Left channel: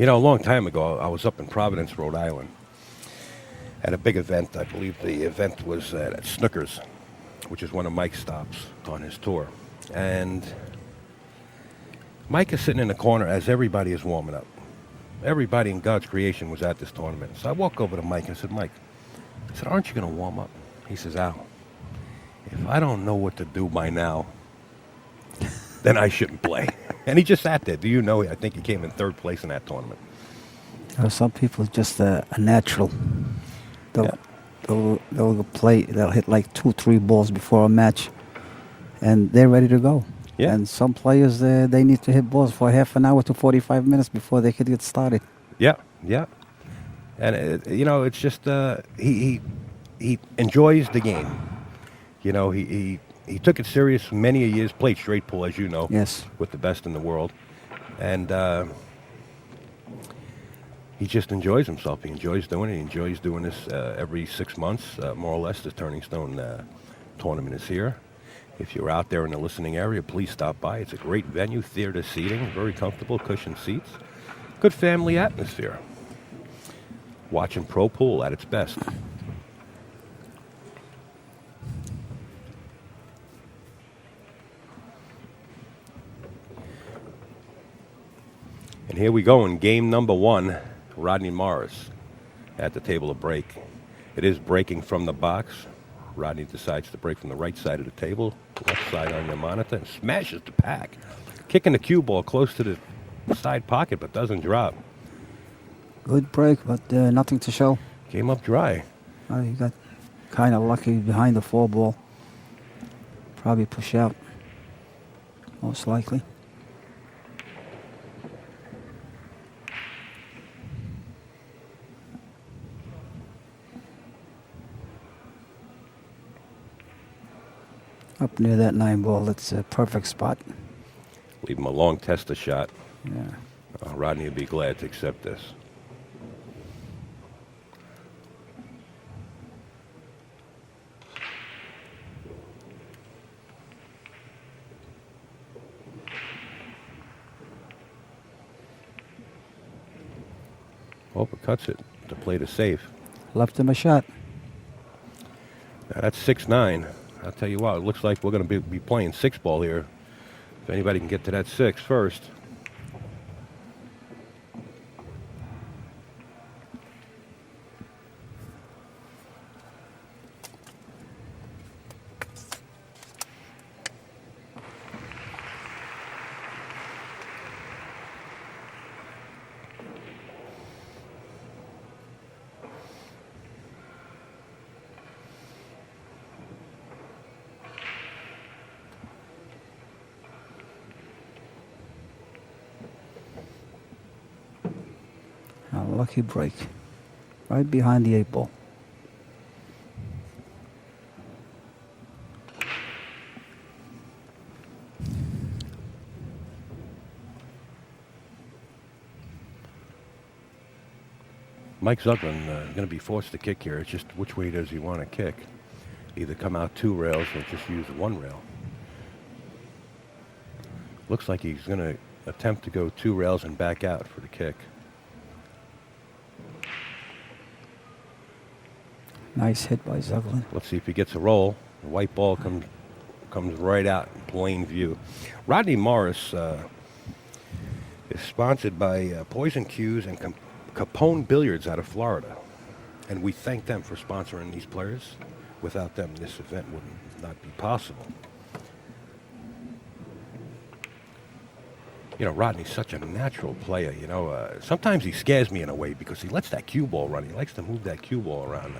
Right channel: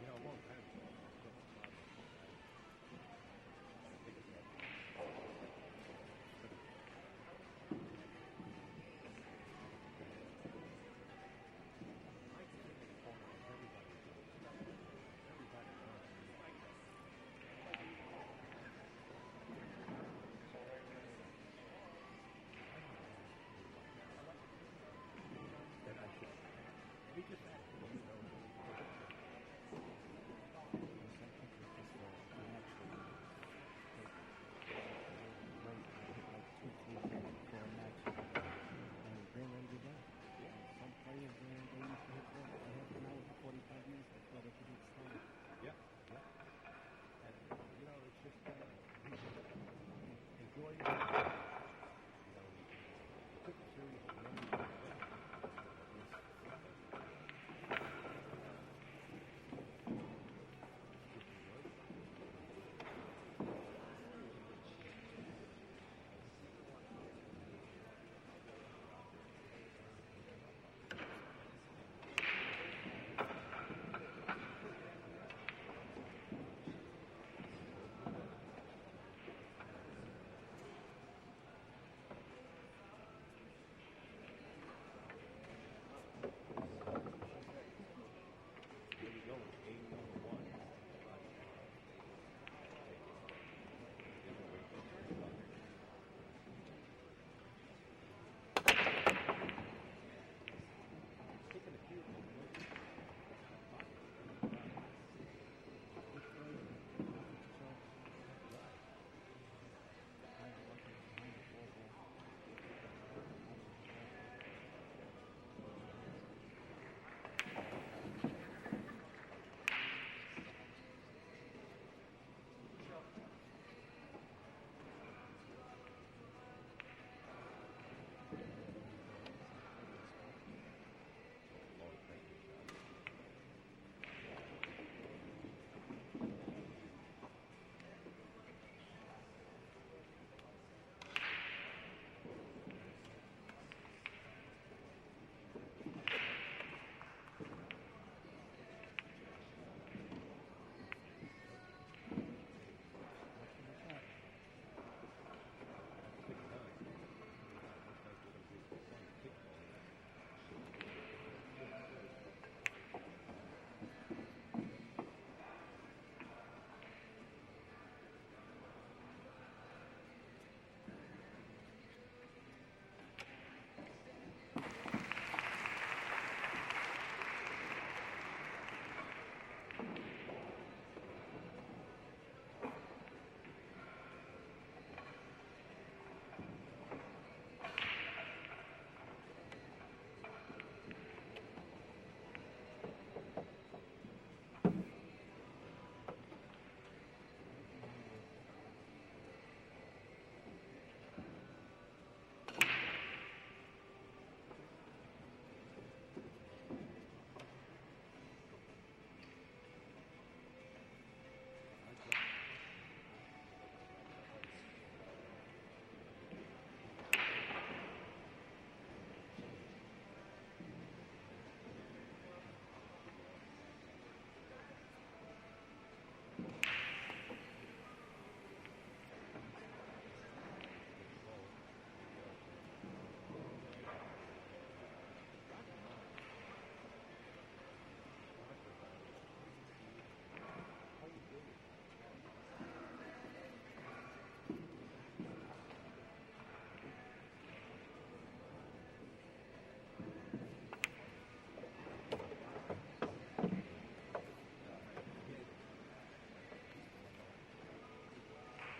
You know, a long time ago, I was up in Providence, Rhode Island, at a big event. I believe the event was at Snookers, which is one of Mike's stops on his tour. And Mike is sitting in the corner as everybody is warming up. Everybody in God's creation was at this tournament. So I walk over to Mike and I said, Mike, I said, aren't you going to warm up? He says, Al, if I don't know what to do by now, then I shouldn't play. And he just sat there. Do you know, I think he came in third place in that tournament. Some people just a natural. They'll, Yeah. they'll play, they'll hit like 2-3 balls before a match, and they're ready to go. Yeah. And some players, they need to hit balls for half an hour to 45 minutes before they could get started. Yeah, yeah. And, you know, it's just, he enjoys the game. You know, he took it serious many a years, played straight pull, as you know. Yes. With the best in the world. And he just enjoys himself. He enjoys doing it. He enjoys doing this every 6 months, more or less. The Turning Stone tournament is here. If you're out there in the listening area, please stop by. It's a great venue, theater seating, very comfortable, cushioned seats. Good family atmosphere. Watching pro pool at its best. And here we go in game number 1. Rodney Morris at the table of break. It is breaking from the box. Rodney decides to break from the right side of the table, left side on the monitor, and smashes the pack. Kicking the cue ball close to the side pocket, but doesn't drop. Good break, but nothing to show. Came up dry. He got kind of lucky behind the 4 ball. Probably push out, most likely. Up near that 9 ball, it's a perfect spot. Leave him a long tester shot. Yeah. Rodney would be glad to accept this. Cuts it to play the safe. Left him a shot. Now that's 6-9. I'll tell you what, it looks like we're going to be playing 6 ball here. If anybody can get to that 6 first. A lucky break. Right behind the 8 ball. Mike Zuglan going to be forced to kick here. It's just which way does he want to kick? Either come out 2 rails or just use 1 rail. Looks like he's going to attempt to go 2 rails and back out for the kick. Nice hit by Zuglan. Let's see if he gets a roll. The white ball comes right out in plain view. Rodney Morris is sponsored by Poison Cues and Capone Billiards out of Florida. And we thank them for sponsoring these players. Without them, this event would not be possible. You know, Rodney's such a natural player. You know, sometimes he scares me in a way because he lets that cue ball run. He likes to move that cue ball around.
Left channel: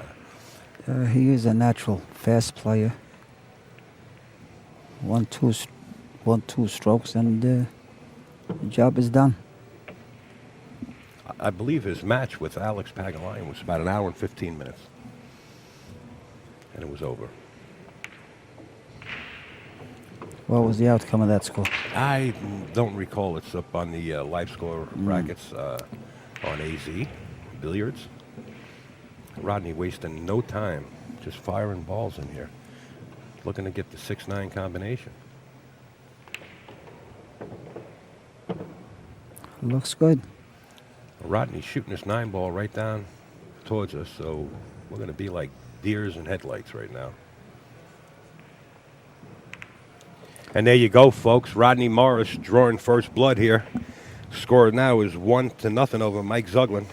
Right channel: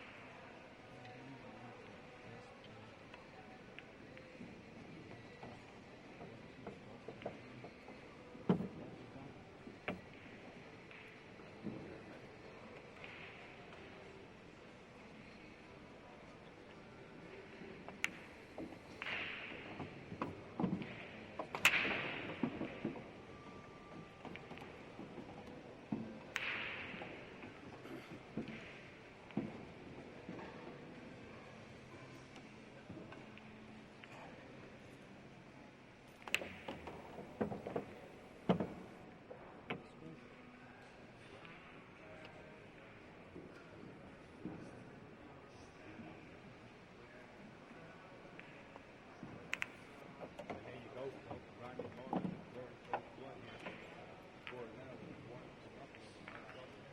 He is a natural fast player. 1-2 strokes, and the job is done. I believe his match with Alex Pagulayan was about 1 hour and 15 minutes. And it was over. What was the outcome of that score? I don't recall. It's up on the live score brackets on AZ Billiards. Rodney wasting no time, just firing balls in here. Looking to get the 6-9 combination. Looks good. Rodney's shooting this 9-ball right down towards us, so we're going to be like deers in headlights right now. And there you go, folks. Rodney Morris drawing first blood here. Score now is 1-0 over Mike Zuglan.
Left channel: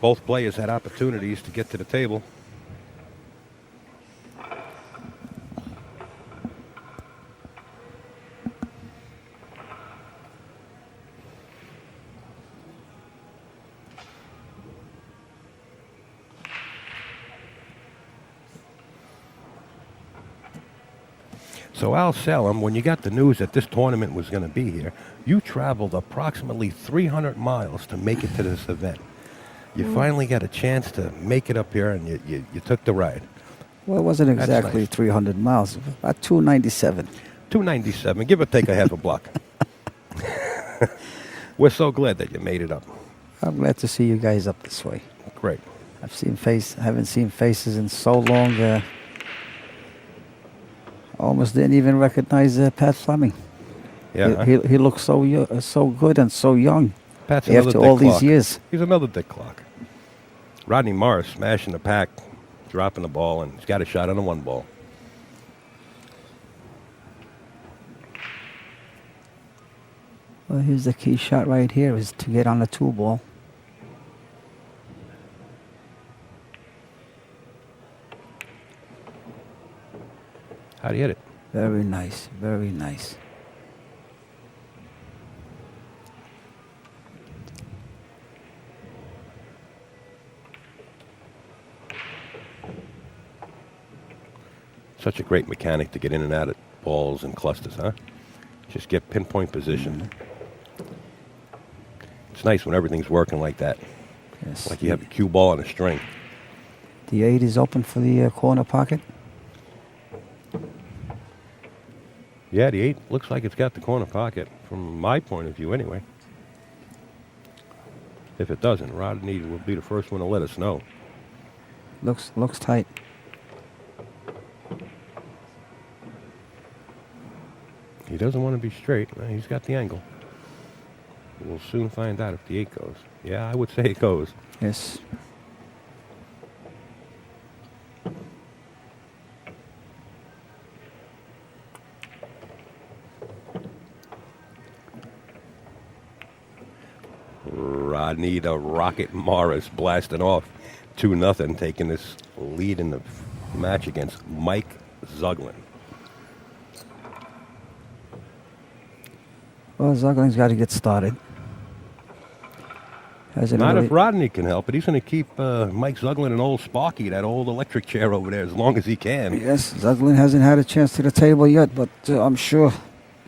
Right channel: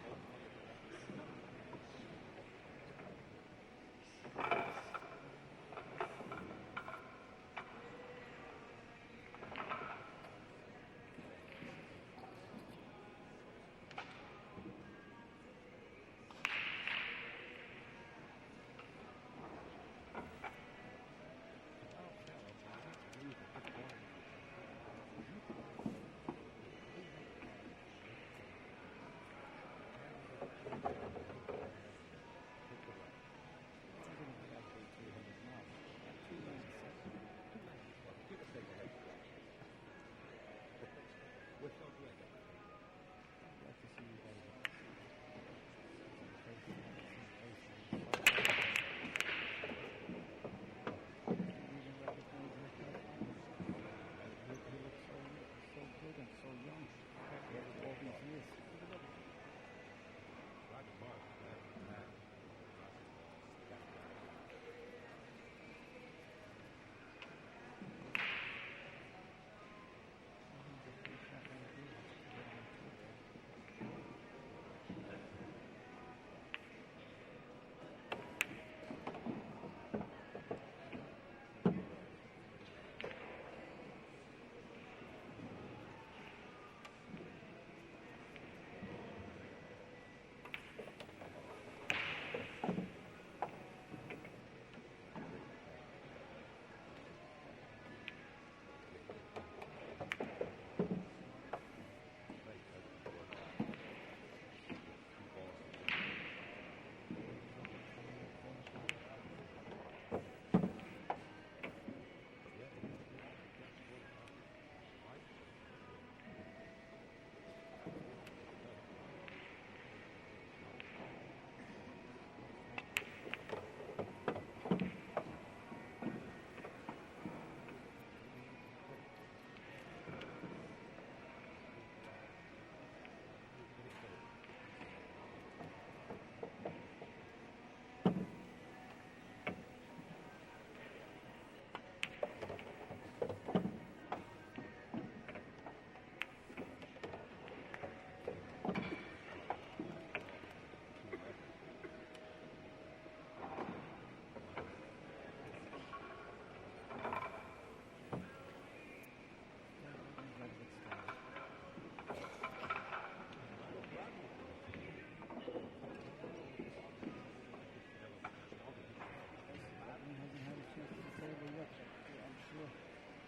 Both players had opportunities to get to the table. So Al Salem, when you got the news that this tournament was going to be here, you traveled approximately 300 miles to make it to this event. You finally got a chance to make it up here, and you took the ride. Well, it wasn't That's exactly nice. 300 miles, about 297. 297, give or take a half a block. We're so glad that you made it up. I'm glad to see you guys up this way. Great. Haven't seen faces in so long. Almost didn't even recognize Pat Fleming. Yeah. He looks so good and so young Pat's another after Dick all these Clark. years. He's another Dick Clark. Rodney Morris smashing the pack, dropping the ball, and he's got a shot on the 1-ball. Well, here's the key shot right here is to get on the 2-ball. How'd he hit it? Very nice, very nice. Such a great mechanic to get in and out of balls and clusters, huh? Just get pinpoint position. It's nice when everything's working like that. Yes. Like you have a cue ball on a string. The 8 is open for the corner pocket. Yeah, the 8 looks like it's got the corner pocket, from my point of view anyway. If it doesn't, Rodney will be the first one to let us know. Looks tight. He doesn't want to be straight. He's got the angle. We'll soon find out if the 8 goes. Yeah, I would say it goes. Yes. Rodney the Rocket Morris blasting off 2-0, taking this lead in the match against Mike Zuglan. Well, Zuglin's got to get started. Not if Rodney can help it. He's going to keep Mike Zuglan and old Sparky, that old electric chair over there, as long as he can. Yes, Zuglan hasn't had a chance to the table yet, but I'm sure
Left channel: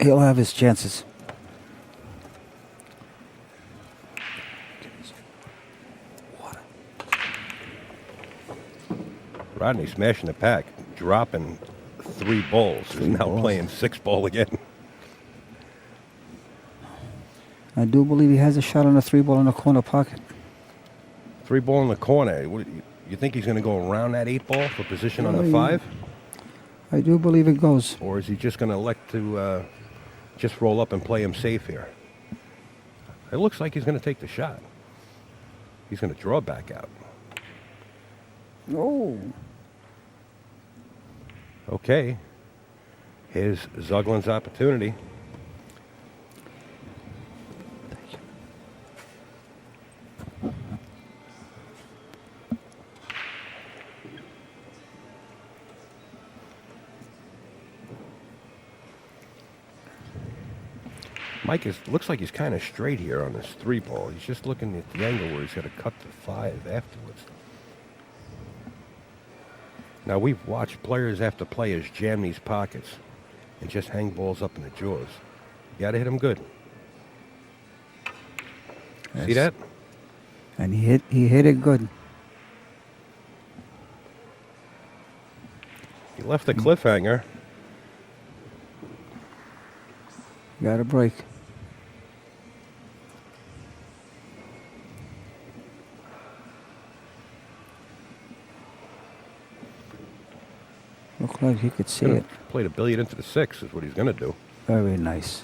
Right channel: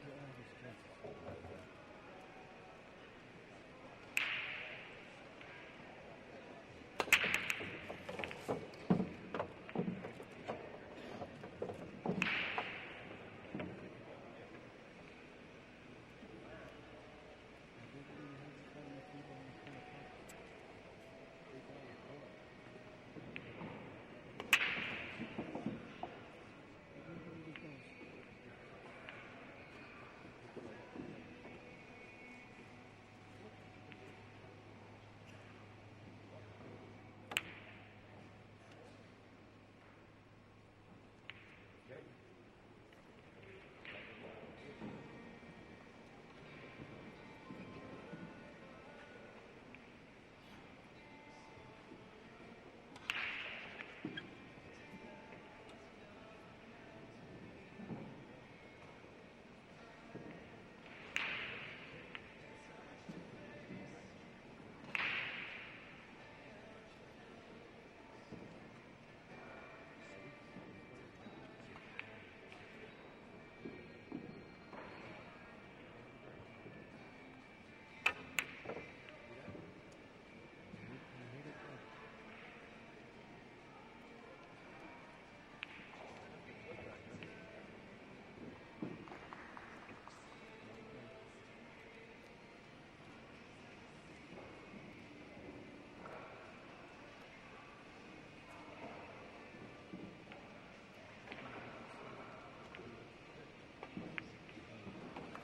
he'll have his chances. Rodney smashing the pack, dropping 3 balls. He's now playing 6-ball again. I do believe he has a shot on a 3-ball in the corner pocket. 3-ball in the corner. You think he's going to go around that 8-ball for position on the 5? I do believe it goes. Or is he just going to elect to just roll up and play him safe here? It looks like he's going to take the shot. He's going to draw back out. Oh. Okay. Here's Zuglan's opportunity. Mike looks like he's kind of straight here on this 3-ball. He's just looking at the angle where he's going to cut the 5 afterwards. Now, we've watched players after players jam these pockets and just hang balls up in the jaws. You got to hit them good. Yes. See that? And he hit it good. He left a cliffhanger. Got a break. Looked like he could see it. Played a billiard into the 6 is what he's going to do. Very nice.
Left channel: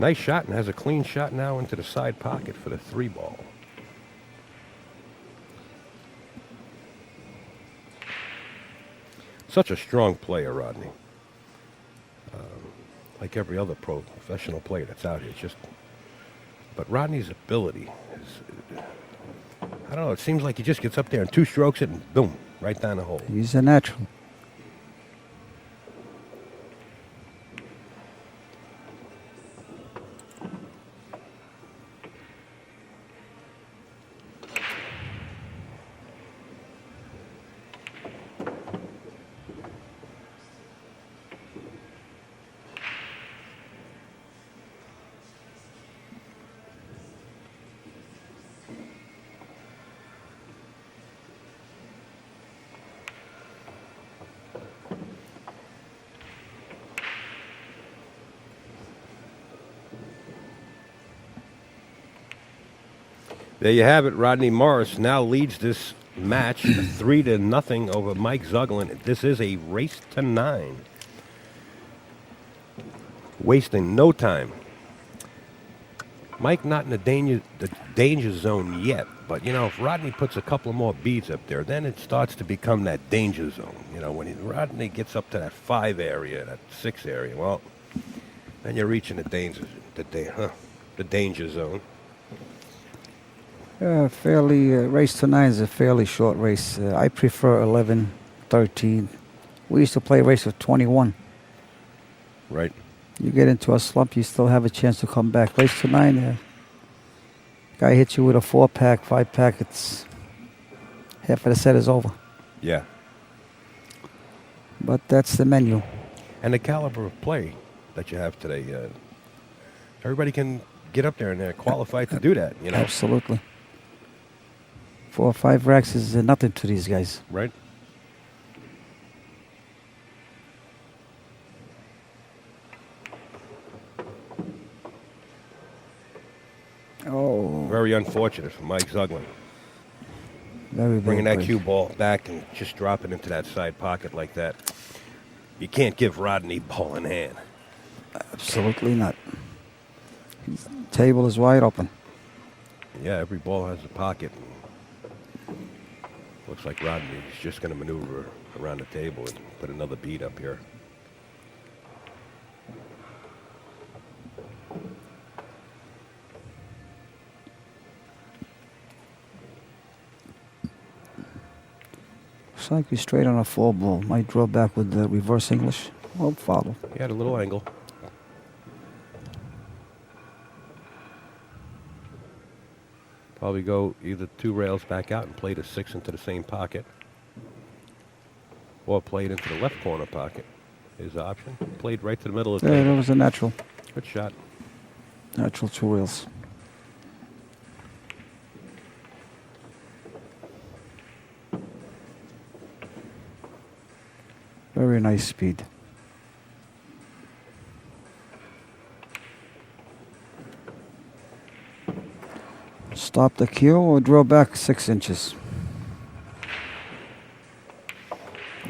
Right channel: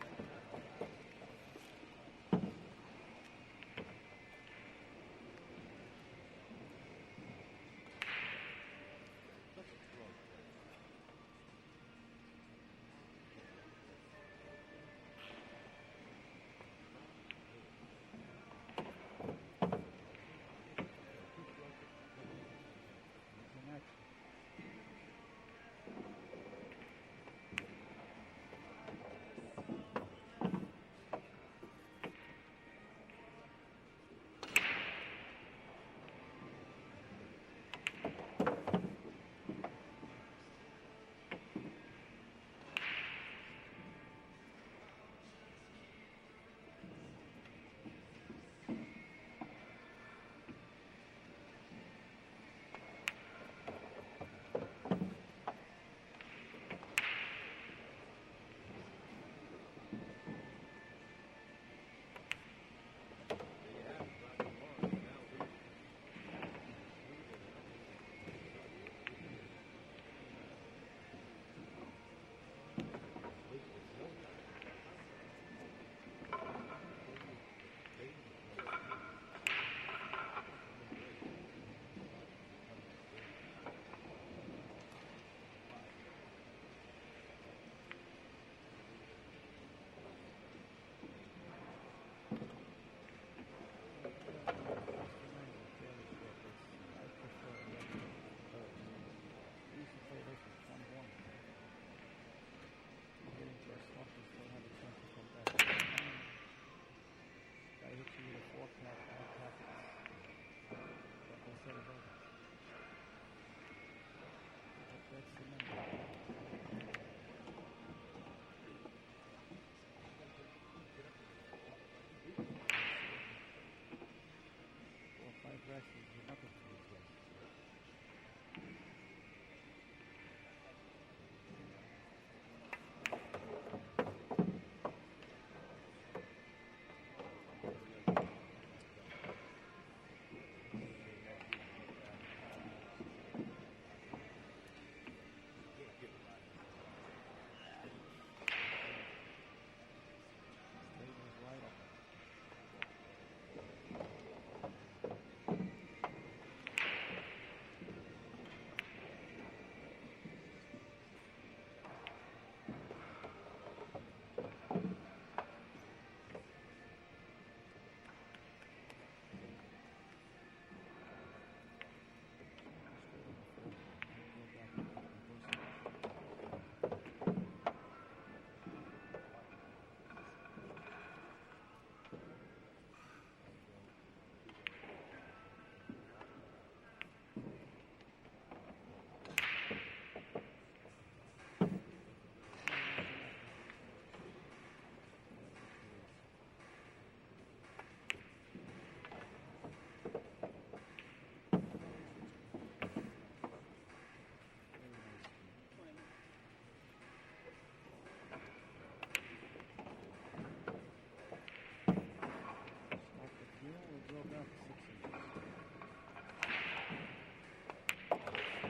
Nice shot, and has a clean shot now into the side pocket for the 3 ball. Such a strong player, Rodney. Like every other professional player that's out here. But Rodney's ability is, I don't know, it seems like he just gets up there and 2 strokes it and boom, right down the hole. He's a natural. There you have it. Rodney Morris now leads this match 3-0 over Mike Zuglan. This is a race to 9. Wasting no time. Mike not in the danger zone yet, but you know, if Rodney puts a couple of more beads up there, then it starts to become that danger zone. You know, when Rodney gets up to that 5 area, that 6 area, well, then you're reaching the danger zone. Race to 9 is a fairly short race. I prefer 11, 13. We used to play a race of 21. Right. You get into a slump, you still have a chance to come back. Race to 9, guy hits you with a 4-pack, 5-pack, it's half of the set is over. Yeah. But that's the menu. And the caliber of play that you have today, everybody can get up there and they're qualified to do that. You know? Absolutely. 4 or 5 racks is nothing to these guys. Right. Oh. Very unfortunate for Mike Zuglan. Very Bringing that break. cue ball back and just dropping into that side pocket like that. You can't give Rodney ball in hand. Absolutely not. His table is wide open. Yeah, every ball has a pocket. Looks like Rodney is just going to maneuver around the table and put another bead up here. Looks like he's straight on a 4 ball. Might draw back with the reverse English. Well, follow. He had a little angle. Probably go either 2 rails back out and play the 6 into the same pocket. Or play it into the left corner pocket. His option. Played right to the middle of the Yeah, table. that was a natural. Good shot. Natural 2 rails. Very nice speed. Stop the cue or draw back 6 inches.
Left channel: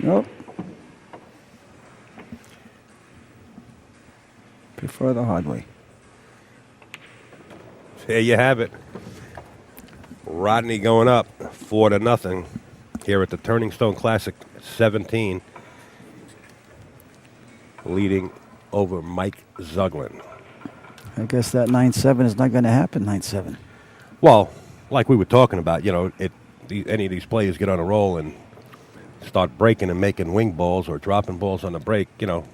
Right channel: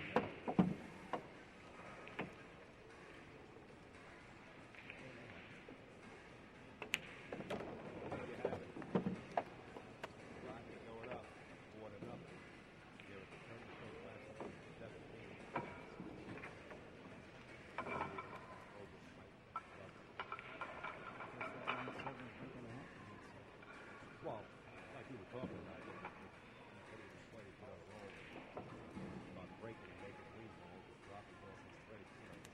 Nope. Prefer the hard way. There you have it. Rodney going up 4-0 here at the Turning Stone Classic 17. Leading over Mike Zuglan. I guess that 9-7 is not going to happen, 9-7. Well, like we were talking about, you know, any of these players get on a roll and start breaking and making wing balls or dropping balls on the break, you know,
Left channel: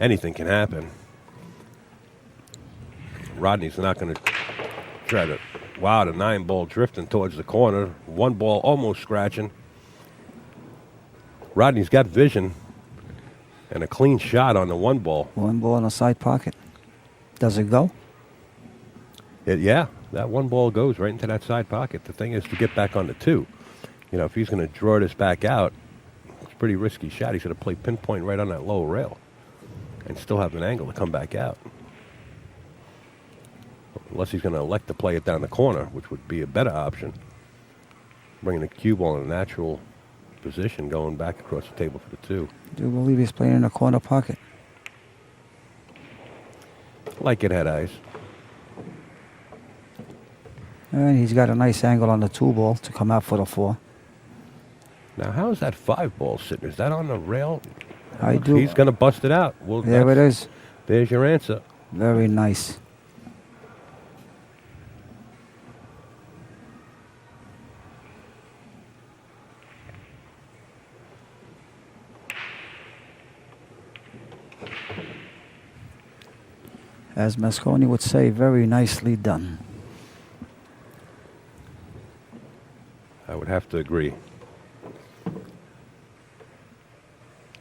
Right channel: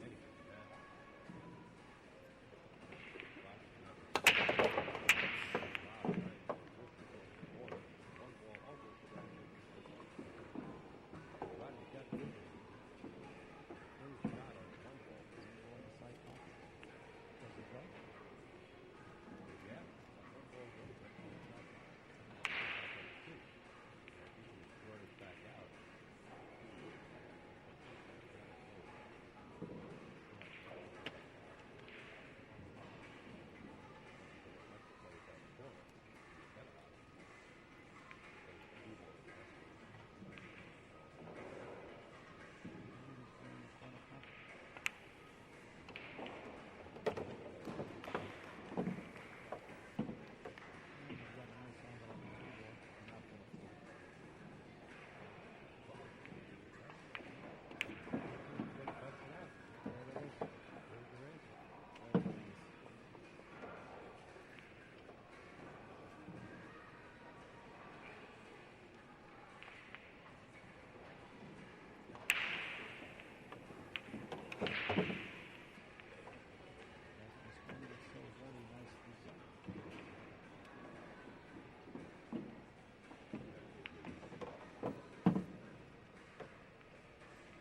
anything can happen. Rodney's not going to try to, wow, the 9-ball drifting towards the corner. 1 ball almost scratching. Rodney's got vision and a clean shot on the 1 ball. 1 ball in a side pocket. Does it go? Yeah, that 1 ball goes right into that side pocket. The thing is to get back on the 2. You know, if he's going to draw this back out, it's a pretty risky shot. He's going to play pinpoint right on that low rail and still have an angle to come back out. Unless he's going to elect to play it down the corner, which would be a better option. Bringing the cue ball in a natural position, going back across the table for the 2. I do believe he's playing in a corner pocket. Like it had eyes. And he's got a nice angle on the 2 ball to come out for the 4. Now, how is that 5 ball sitting? Is that on the rail? I do. He's going to bust it out. Well, There it is. There's your answer. Very nice. As Mosconi would say, very nicely done. I would have to agree.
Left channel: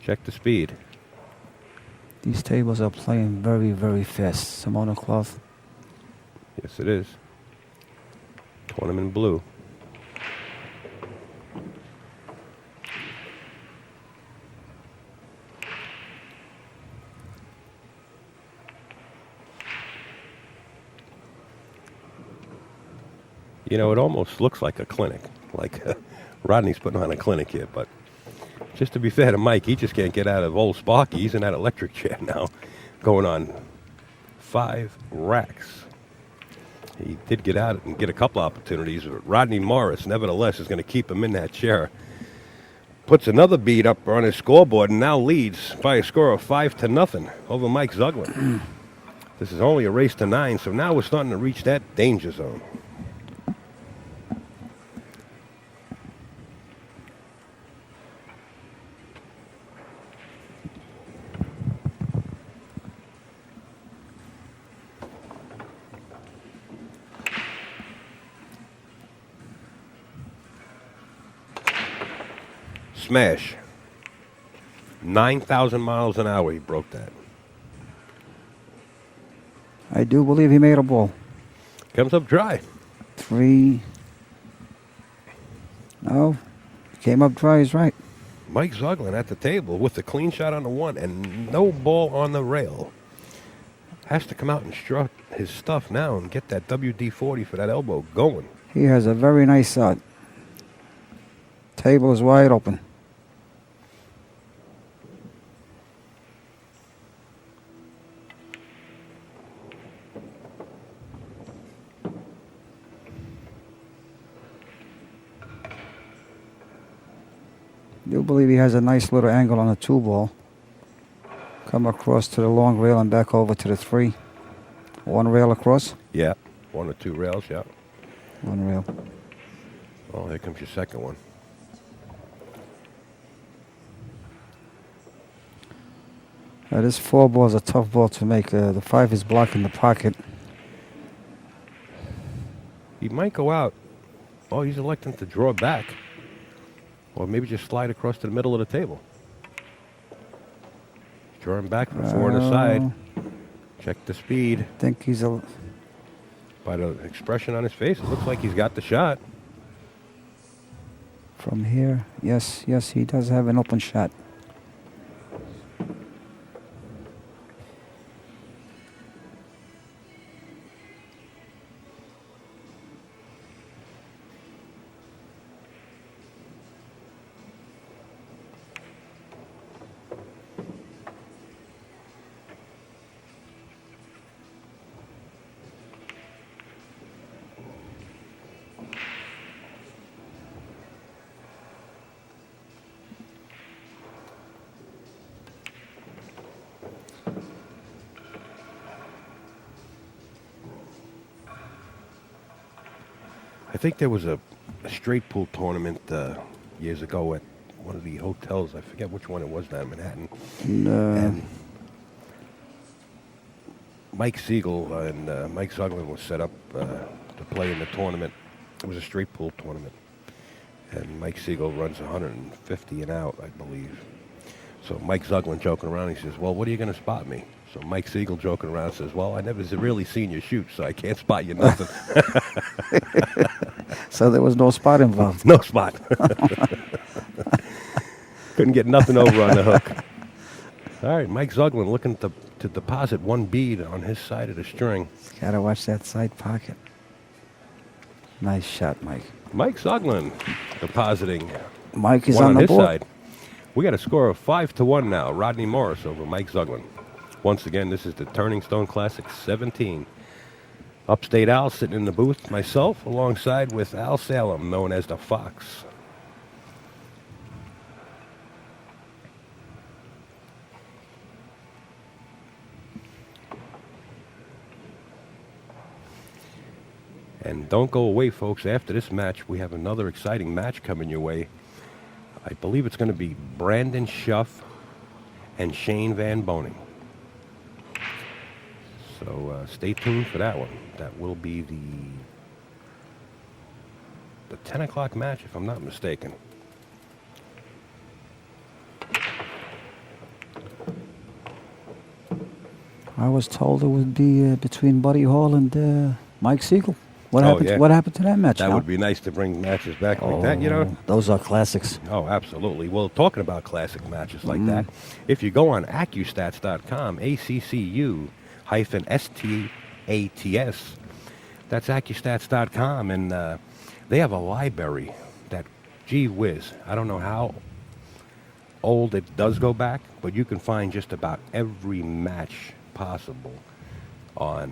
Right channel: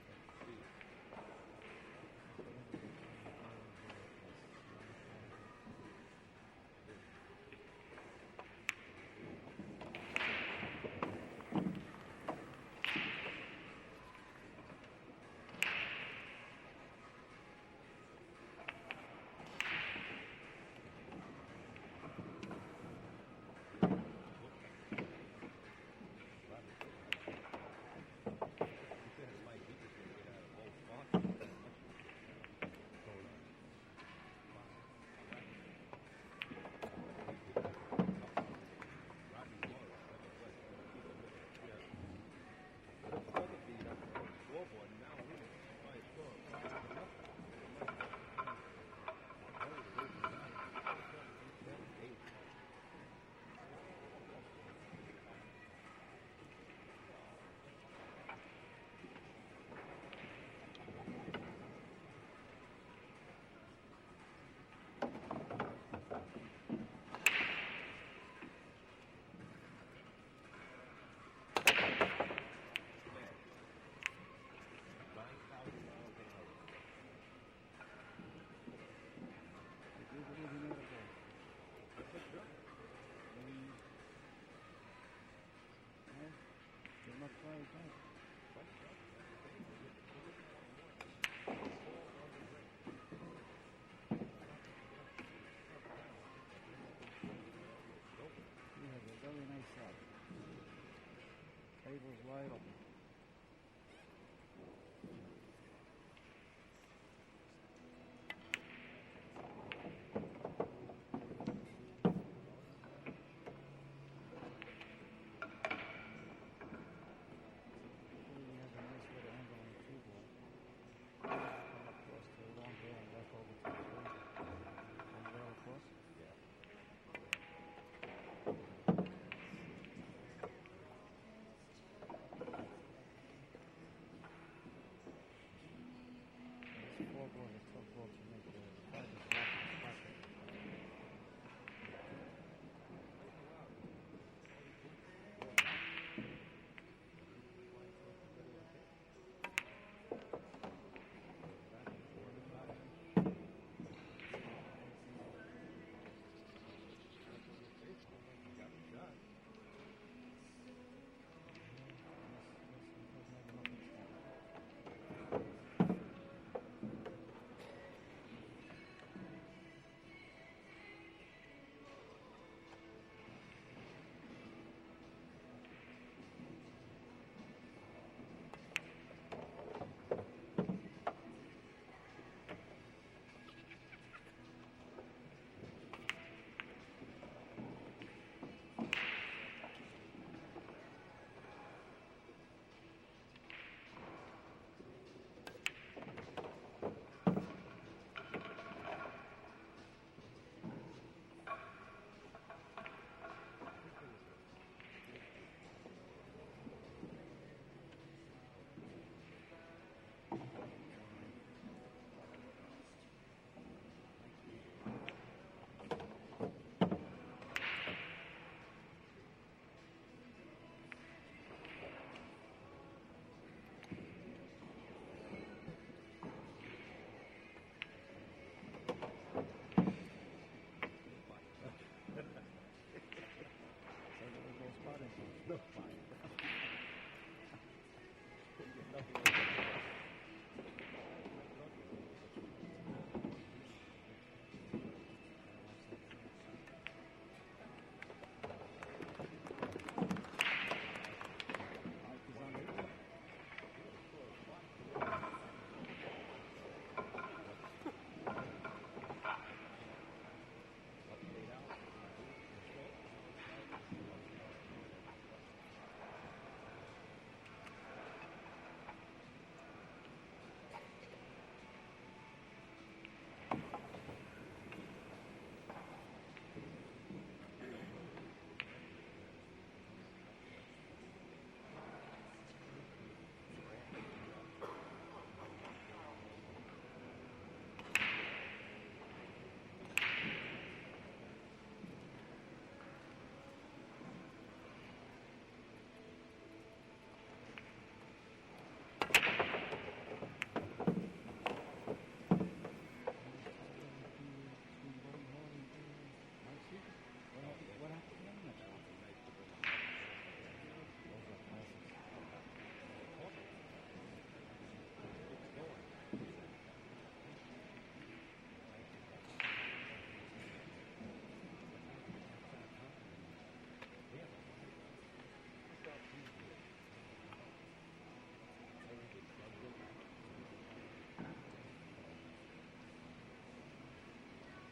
Check the speed. These tables are playing very, very fast. Simona cloth. Yes, it is. Tournament blue. You know, it almost looks like a clinic. Like Rodney's putting on a clinic here, but just to be fair to Mike, he just can't get out of old Sparky. He's in that electric chair now, going on 5 racks. He did get out and get a couple opportunities, but Rodney Morris, nevertheless, is going to keep him in that chair. Puts another bead up on his scoreboard and now leads by a score of 5-0 over Mike Zuglan. This is only a race to 9, so now we're starting to reach that danger zone. Smash. 9,000 miles an hour he broke that. I do believe he made a ball. Comes up dry. 3. No. Came up dry, he's right. Mike Zuglan at the table with the clean shot on the 1 and no ball on the rail. Has to come out and strut his stuff now and get that WD-40 for that elbow going. He has a very nice shot. Table is wide open. Do believe he has a nice little angle on the 2 ball. Come across to the long rail and back over to the 3. 1 rail across. Yeah, 1 or 2 rails, yeah. 1 rail. Oh, here comes your second one. This 4 ball is a tough ball to make. The 5 is blocking the pocket. He might go out. Oh, he's electing to draw back. Or maybe just slide across to the middle of the table. Drawing back from 4 on the side. Check the speed. I think he's a... By the expression on his face, it looks like he's got the shot. From here, yes, he does have an open shot. I think there was a straight pool tournament years ago at one of the hotels. I forget which one it was down in Manhattan. And Mike Siegel and Mike Zuglan was set up to play in the tournament. It was a straight pool tournament. And Mike Siegel runs 150 and out, I believe. So Mike Zuglan joking around, he says, well, what are you going to spot me? So Mike Siegel joking around says, well, I never really seen you shoot, so I can't spot you nothing. So there was no spot involved. No spot. Couldn't get nothing over on the hook. All right, Mike Zuglan looking to deposit 1 bead on his side of the string. Gotta watch that side pocket. Nice shot, Mike. Mike Zuglan depositing Mike is 1 on the his board. side. We got a score of 5-1 now. Rodney Morris over Mike Zuglan. Once again, this is the Turning Stone Classic 17. Upstate Al sitting in the booth, myself, alongside with Al Salem, known as the Fox. And don't go away, folks. After this match, we have another exciting match coming your way. I believe it's going to be Brandon Schuff and Shane Van Boning. So stay tuned for that one. That will be the 10 o'clock match, if I'm not mistaken. I was told it would be between Buddy Hall and Mike Siegel. What Oh, happened? yeah. What happened to that match? That Al? would be nice to bring matches back like that, you know? Those are classics. Oh, absolutely. Well, talking about classic matches like that, if you go on accustats.com, ACCU-STATS, that's accustats.com, and they have a library that, gee whiz, I don't know how old it does go back, but you can find just about every match possible on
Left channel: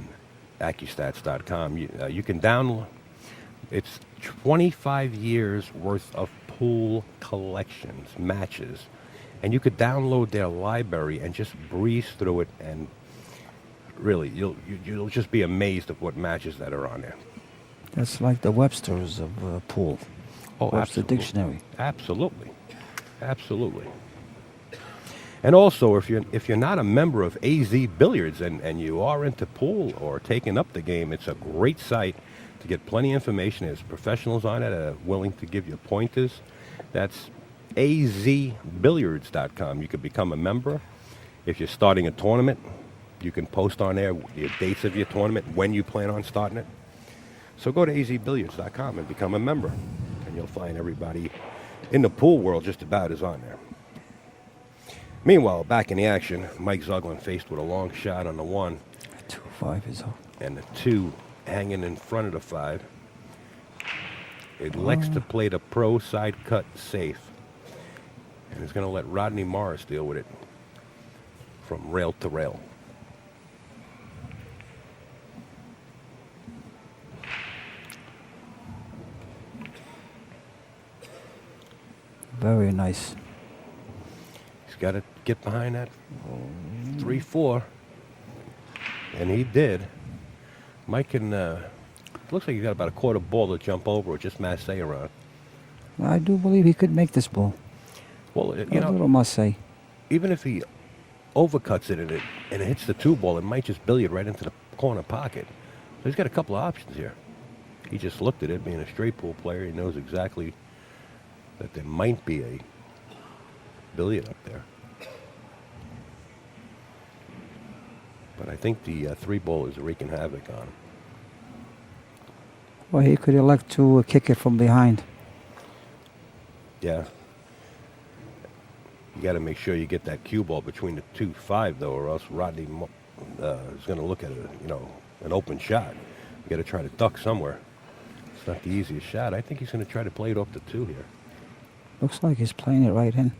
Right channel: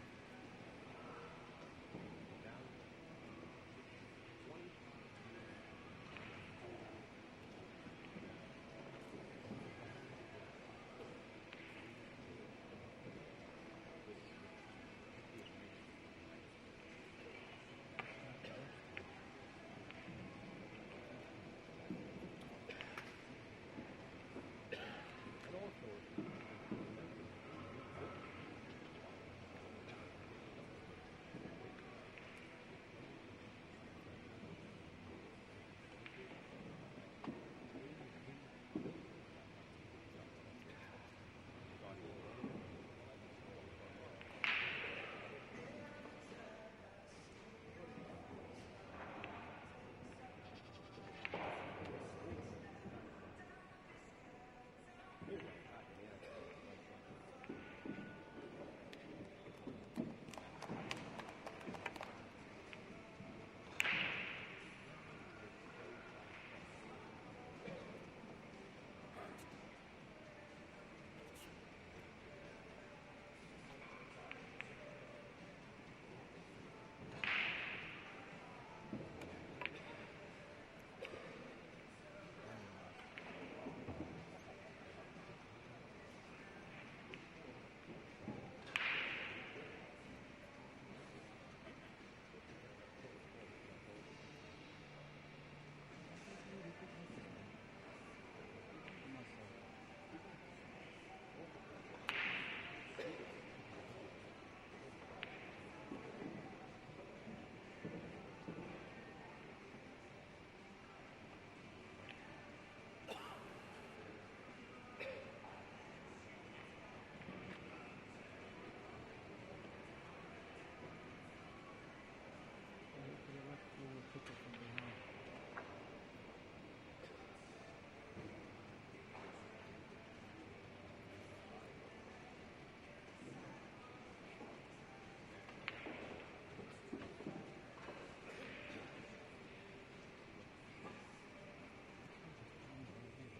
accustats.com. You can download. It's 25 years worth of pool collections, matches, and you could download their library and just breeze through it, and really, you'll just be amazed at what matches that are on there. That's like the Webster's of pool. Oh, Webster absolutely. Dictionary. Absolutely, absolutely. And also, if you're not a member of AZ Billiards and you are into pool or taking up the game, it's a great site to get plenty of information. There's professionals on it willing to give you pointers. That's azbilliards.com. You can become a member. If you're starting a tournament, you can post on there the dates of your tournament, when you plan on starting it. So go to azbilliards.com and become a member, and you'll find everybody in the pool world just about is on there. Meanwhile, back in the action, Mike Zuglan faced with a long shot on the 1. 2-5 is up. And the 2 hanging in front of the 5. It elects to play the pro side cut safe. And is going to let Rodney Morris deal with it from rail to rail. Very nice. He's got to get behind that 3-4. And he did. Mike can, looks like he's got about a quarter ball to jump over or just masse around. I do believe he could make this ball. Well, A little masse. even if he overcuts it and it hits the 2 ball, it might just billiard right into the corner pocket. So he's got a couple of options here. He just looked at it, being a straight pool player. He knows exactly that there might be a billiard up there. But I think the 3 ball is wreaking havoc on him. Well, he could elect to kick it from behind. Yeah. You got to make sure you get that cue ball between the 2-5, though, or else Rodney is going to look at it, an open shot. You got to try to duck somewhere. It's not the easiest shot. I think he's going to try to play it off the 2 here. Looks like he's playing it right in.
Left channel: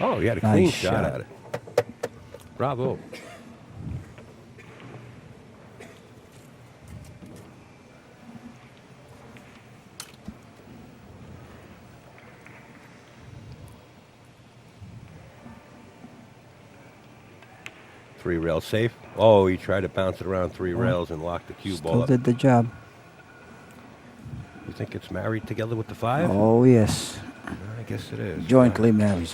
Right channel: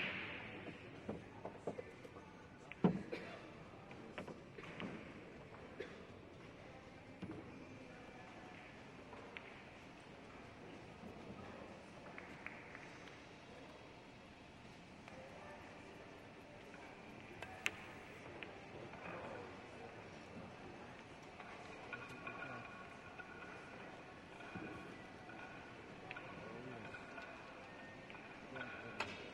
Oh, he had a clean Nice shot shot. at it. Bravo. Three rail safe. Oh, he tried to bounce it around 3 rails and lock the cue ball Still up. did the job. You think it's married together with the 5? Oh, yes. I guess it is. Jointly married.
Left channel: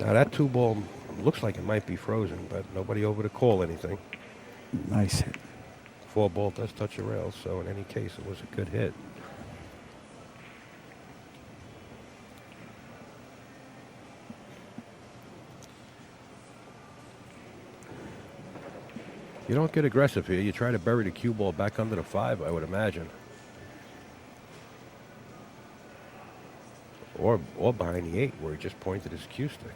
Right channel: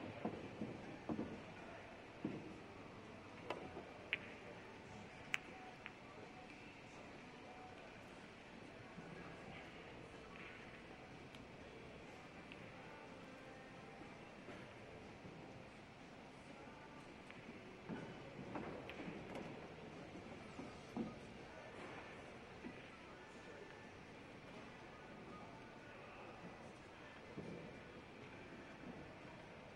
Now that 2 ball looks like it might be frozen, but nobody over to call anything. Nice hit. 4 ball does touch a rail, so in any case, it was a good hit. You don't get aggressive here. You try to bury the cue ball back under the 5, I would imagine. Or behind the 8, where he just pointed his cue stick.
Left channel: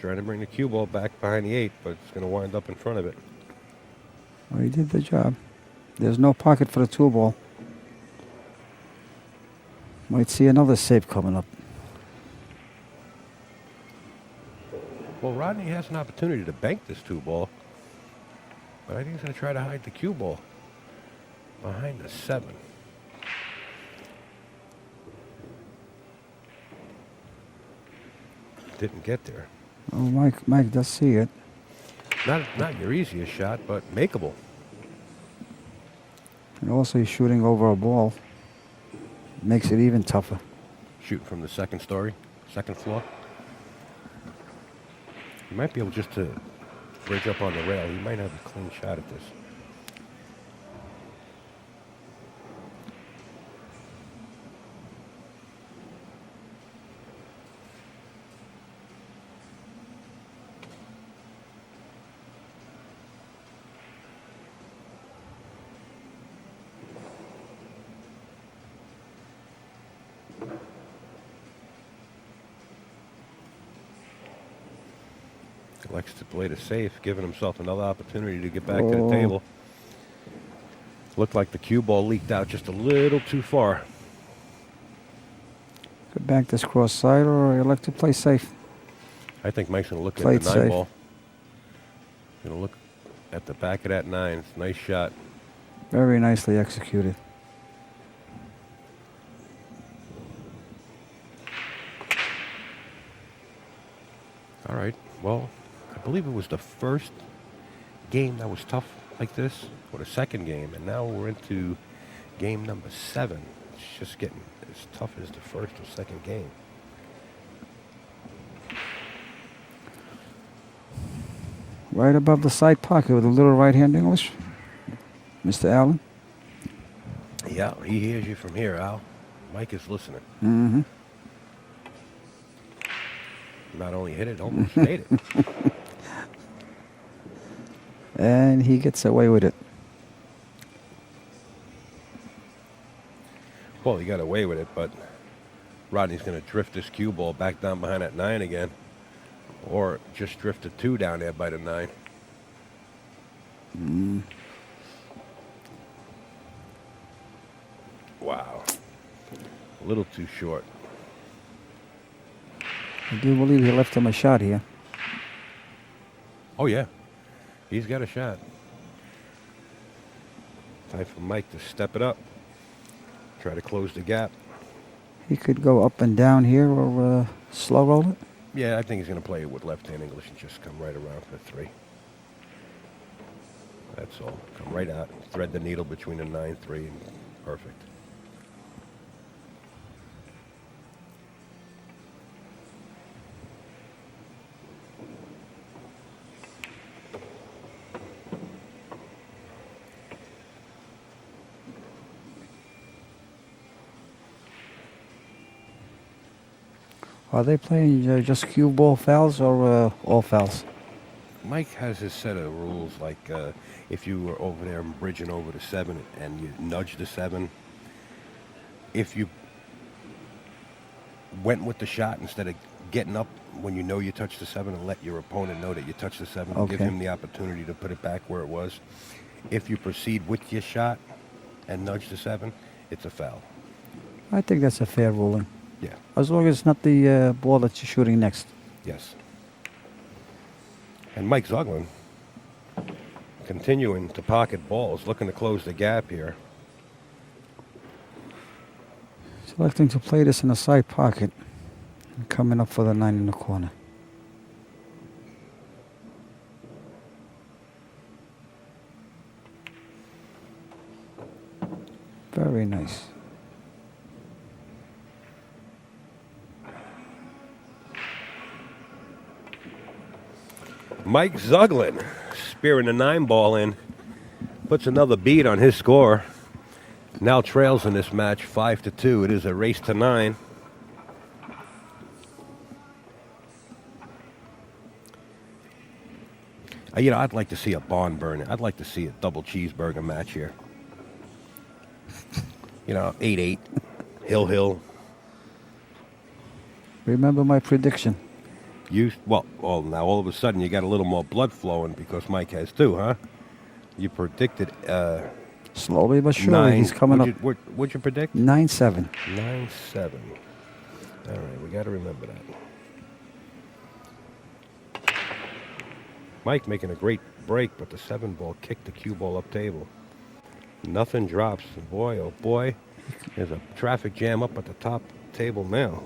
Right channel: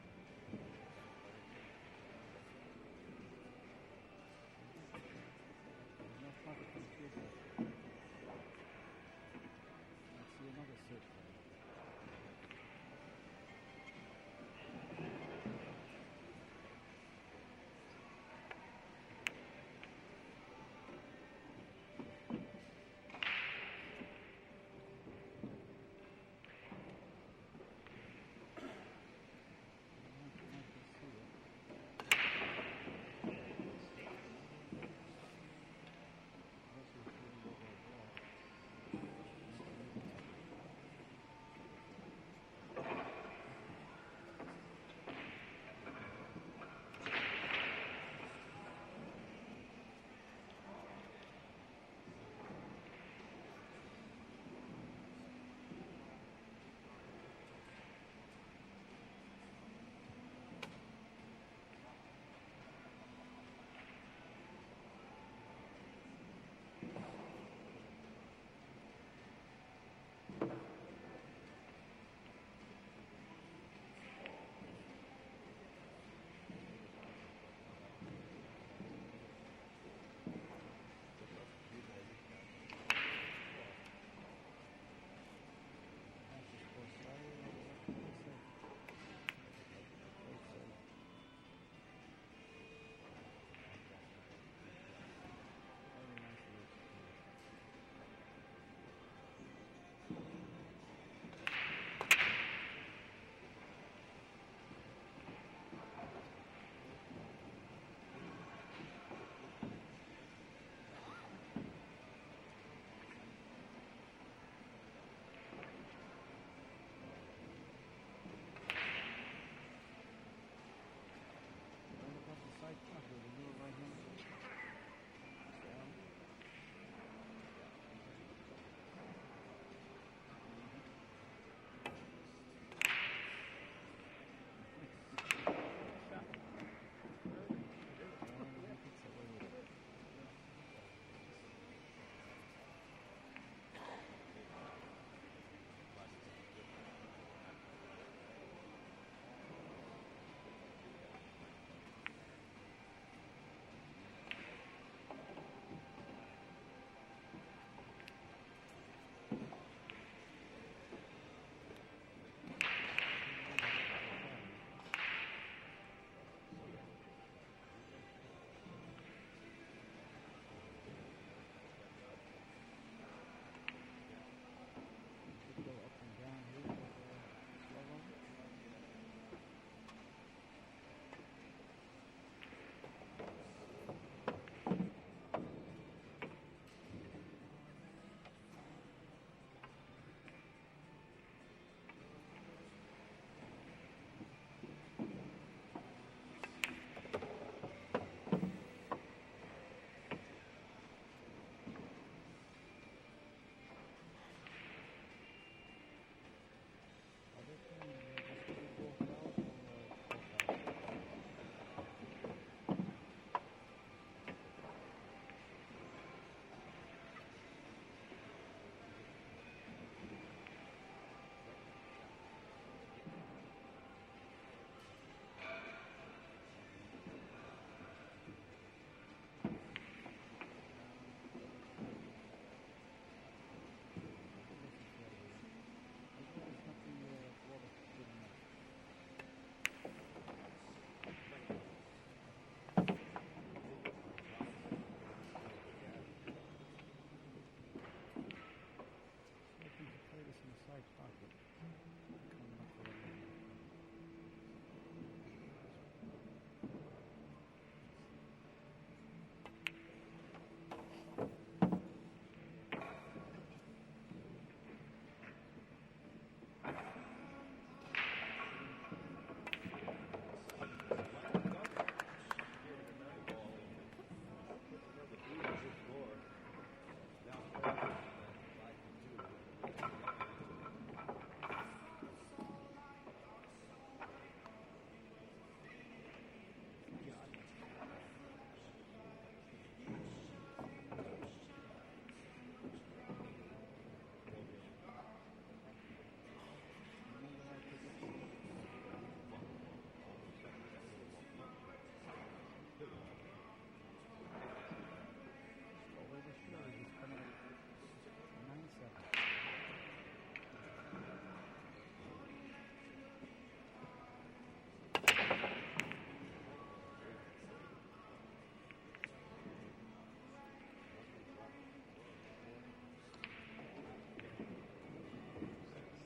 Trying to bring the cue ball back behind the 8, but it's going to wind up in front of it. Well, he did the job. There's no pocket for the 2 ball. Might see another save coming up. Well, Rodney has an opportunity to bank this 2 ball, but I think he's going to try to hide the cue ball behind the 7. Didn't get there. Oh, Mike does see it. Not your easiest shot, but makeable. And also he's shooting over a ball. Makes it even tougher. Shoot from the 2nd story, 2nd floor. You might be able just to bridge up on the rail. You might have a clean shot at this. Likes to play the safe, giving himself another opportunity to get back to the table. Looked like the cue ball leaked out just a little too far. Could bank this cross side, or you like to play safe. I think Mike's going to look Played at the 9 safe. ball. Going to look at the back of that 9. It's a nice shot. Very nicely executed. All right. Well, I believe it was the first game that was tough like this, or the second game, and now we're into game number 7. It's just getting as tough as the first or second game. Right above the side pocket with a little right-hand English. Mr. Allen. Yeah, he hears you from here, Al. Mike is listening. Mm-hmm. Not only hit it, almost made it. And he gets away with it. Well, he got away with it, but Rodney's going to drift this cue ball back down behind that 9 again. Or just drift the 2 down there by the 9. Wow. A little too short. I do believe he left him a shot here. Oh, yeah. He's got a shot. Time for Mike to step it up. Try to close the gap. He could go up and down here or slow roll it. Yeah, I think he's going to play it with left-hand English and just come right around for 3. That's all. Come right out. Thread the needle between the 9-3 and perfect. Are they playing just cue ball fouls or all fouls? Mike has his set of rules, like if you were over there and bridging over the 7 and you nudge the 7, if you went with the shot instead of getting up when you know you touched the 7 and let your opponent know that you touched the 7, Okay. give him the opportunity to put it back where it was. If you proceed with your shot and nudge the 7, it's a foul. I think that's a fair ruling. Yeah. As long as it's not the ball that you're shooting next. Yes. And Mike Zuglan continuing to pocket balls, looking to close the gap here. Selecting to play this in the side pocket. And coming up for the 9 in the corner. Very nice. Mike Zuglan spearing the 9 ball in, puts another beat on his score. Now trails in this match 5-2. It is a race to 9. You know, I'd like to see a barn burner. I'd like to see a double cheeseburger match here. You know, 8-8, Hill. Remember my prediction. Well, now all of a sudden you got a little more blood flowing because Mike has two, huh? You predicted Slowly but surely, nine. he's coming up. What'd you predict? 9-7. 9-7. All right, we got to remember that. Mike making a great break, but the 7-ball kicked the cue ball up table. Nothing drops. Boy, oh boy, there's a traffic jam up at the top table now.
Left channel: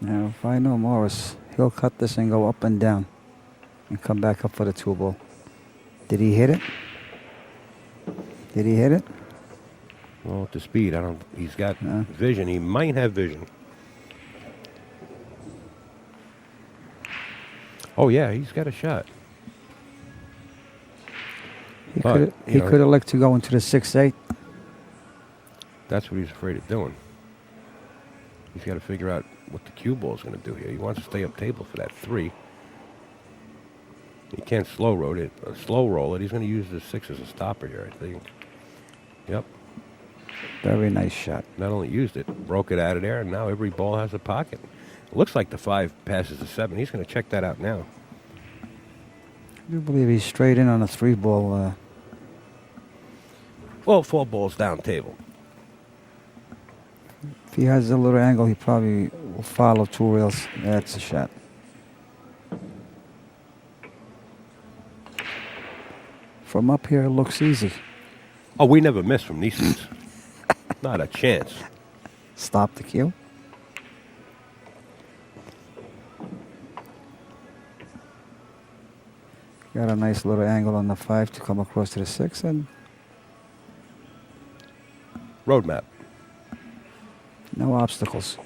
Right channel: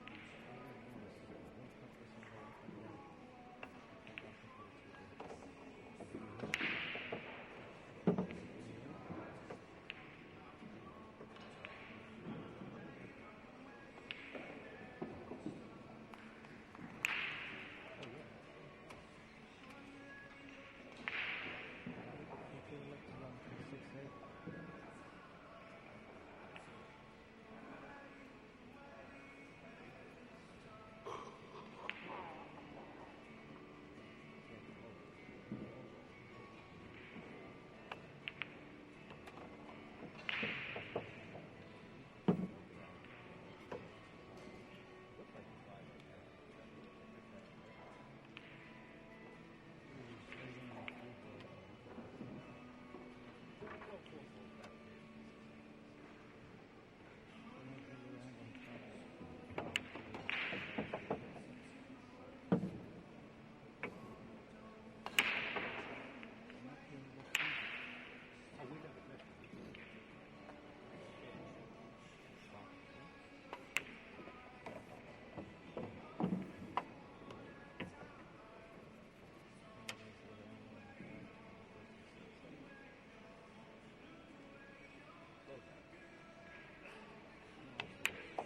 Now, if I know Morris, he'll cut this and go up and down and come back up for the 2-ball. Did he hit it? Did he hit it? Well, at the speed, he's got No. vision. He might have vision. Oh, yeah, he's got a shot. He But, could you know, elect to go into the 6-8. That's what he's afraid of doing. He's got to figure out what the cue ball is going to do here. He wants to stay up table for that 3. He can't slow roll it. He's going to use the 6 as a stopper here, I think. Yep. Very nice shot. Not only used it, broke it out of there, and now every ball has a pocket. It looks like the 5 passes the 7. He's going to check that out now. I do believe he's straight in on a 3-ball. Well, 4 balls down table. If he has a little angle, he probably will follow 2 rails. That's a shot. From up here, it looks easy. Oh, we never miss from these seats. Not a chance. Stop the cue. Got a nice little angle on the 5 to come across to the 6, and Roadmap. no obstacles.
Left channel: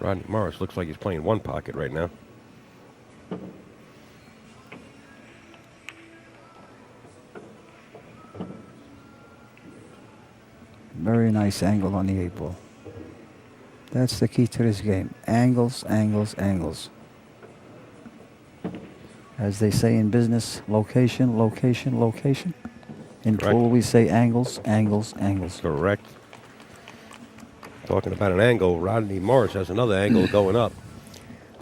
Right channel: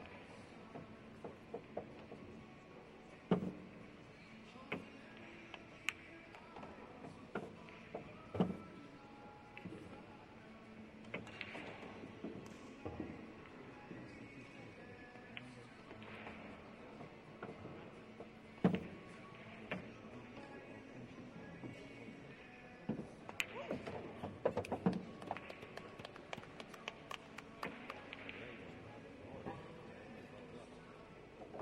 Rodney Morris looks like he's playing one pocket right now. Very nice angle on the 8-ball. That's the key to this game. Angles, angles, angles. As they say in business, location, location, location. In Correct. pool, we say angles, angles, angles. Correct. Talking about an angle, Rodney Morris has another angle going up.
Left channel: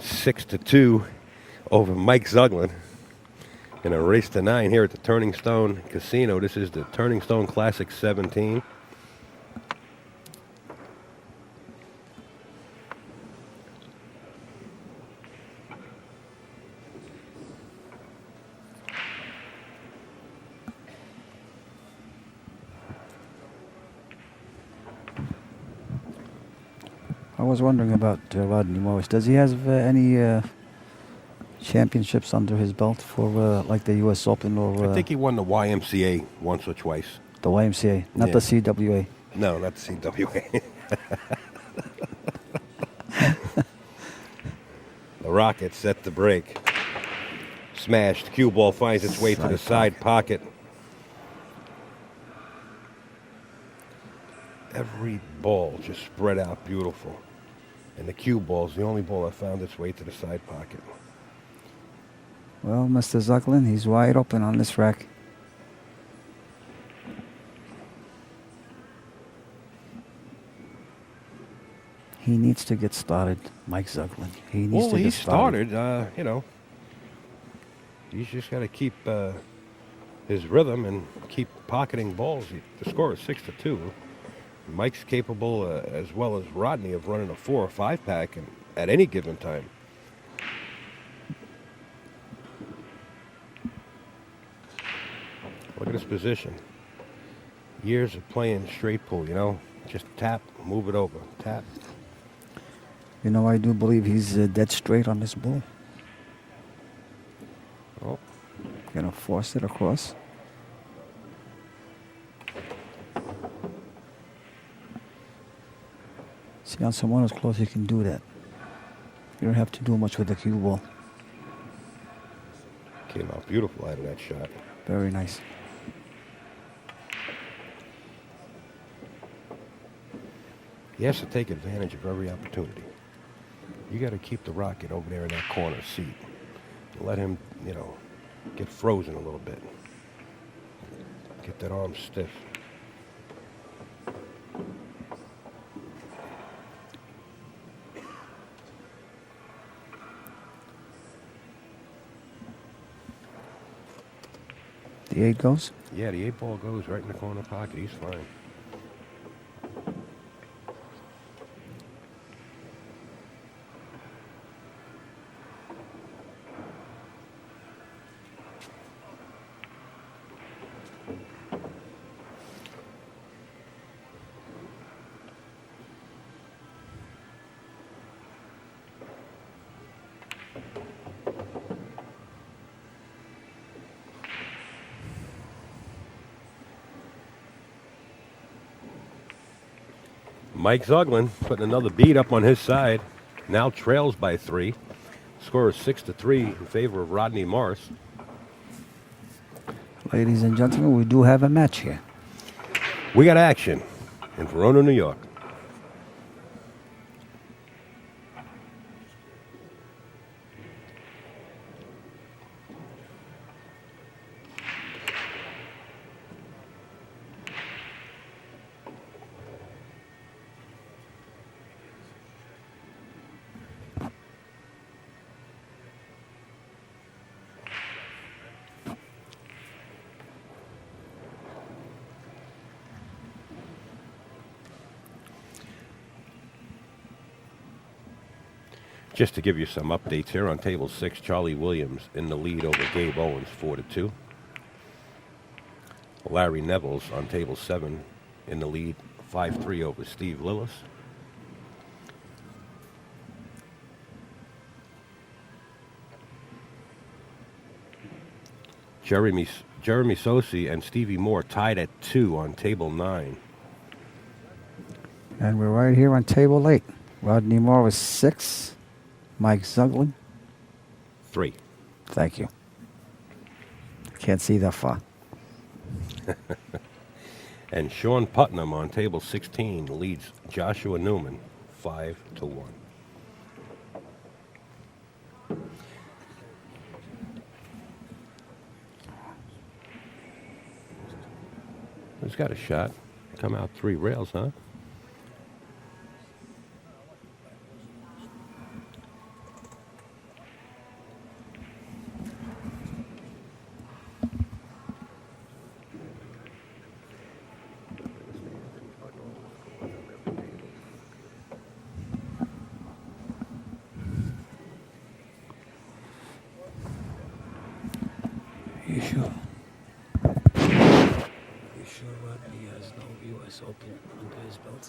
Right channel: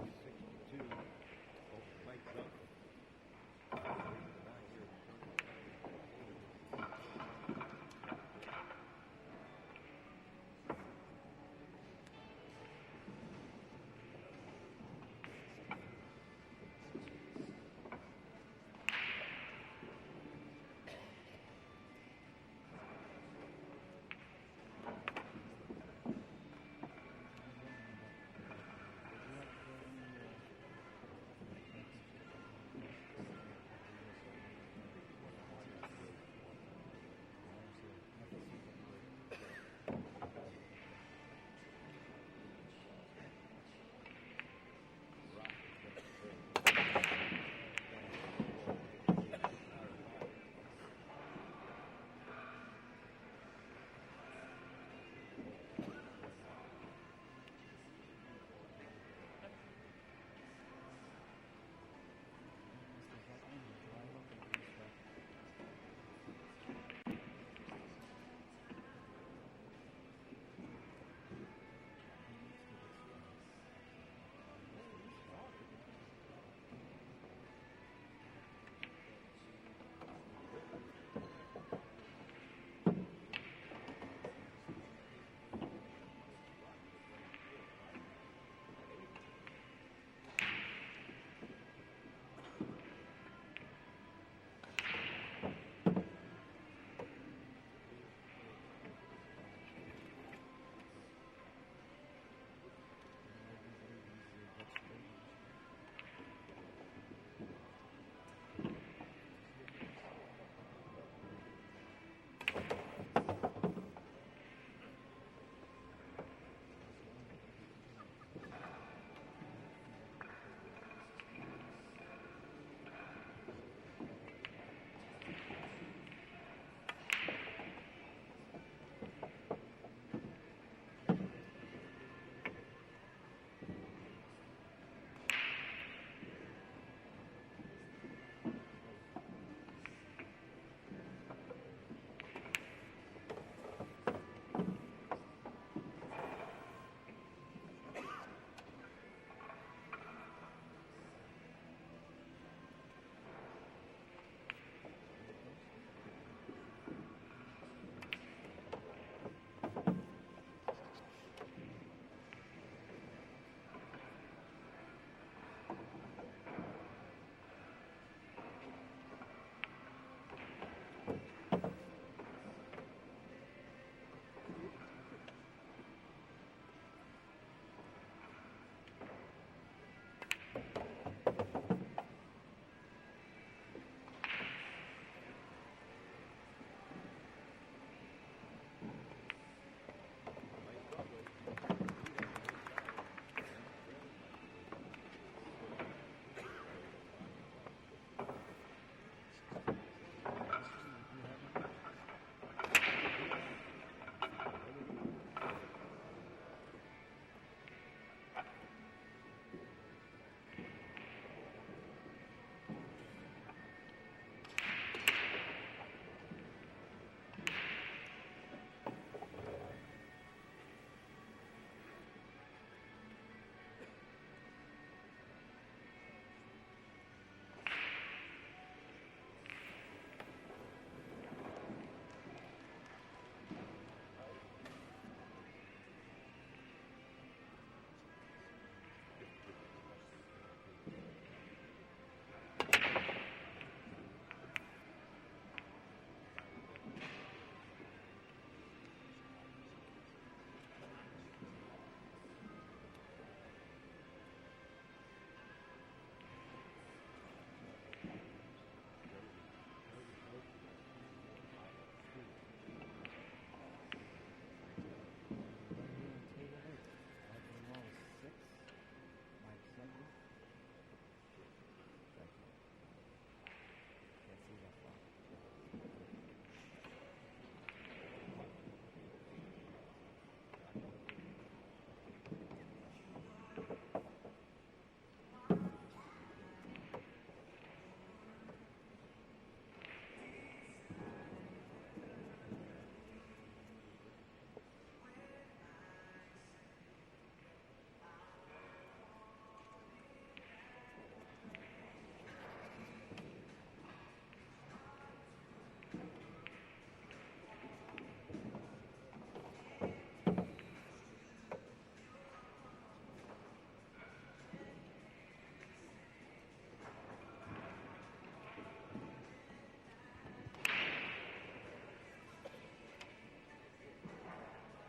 6-2 over Mike Zuglan in a race to 9 here at the Turning Stone Casino. This is the Turning Stone Classic 17. I was wondering about Rodney Morris. Does he have any championships under his belt for like the U.S. Open or I think he won the YMCA once or twice. the YMCA, not Yeah. the CWA? No, not the CWA. The Rocket set the break. Smashed. Cue ball finds its way to the side pocket. Every ball just spread out beautiful. And the cue ball's the only ball that found its way to the side pocket. Well, Mr. Zuglan, he's wide open on this rack. He needs to get started, Mike Zuglan. He needs to He get started. started, he's just got to keep his rhythm and keep pocketing balls. The score is 6-2. Mike's capable, as well as Rodney, of running a 4 or 5 pack at any given time. Look at his position. Years of playing straight pool, just tap, move it over, tap. You know, I do believe he's dead straight on this ball. Oh, Gonna force it across. Beyond someone who's close, you can do that. You don't have to do much with the cue ball. Came out beautiful out of that shot. Very nice. He has to take advantage of every opportunity. You got to keep the rocket over there in that corner seat. Let him, get frozen a little bit. Get that arm stiff. The 8 goes? Yeah, the 8 ball goes right in the corner pocket. He's fine. Mike Zuglan putting another beat up on his side. Now trails by 3. Score is 6-3 in favor of Rodney Morris. Ladies and gentlemen, we do have a match here. We got action in Verona, New York. Just to give you some updates here on table 6, Charlie Williams in the lead over Gabe Owens, 4-2. Larry Neville's on table 7 in the lead, 5-3 over Steve Lillis. Jeremy Sosi and Stevie Moore tied at 2 on table 9. And we're right here on table 8. Rodney Moore was 6. Mike Zuglan? 3. Thank you. Can't see that far. And Sean Putnam on table 16 leads Joshua Newman 5-1. He's got a shot. Come out 3 rails, huh? You sure? You sure Rodney has no U.S. Open under his belt?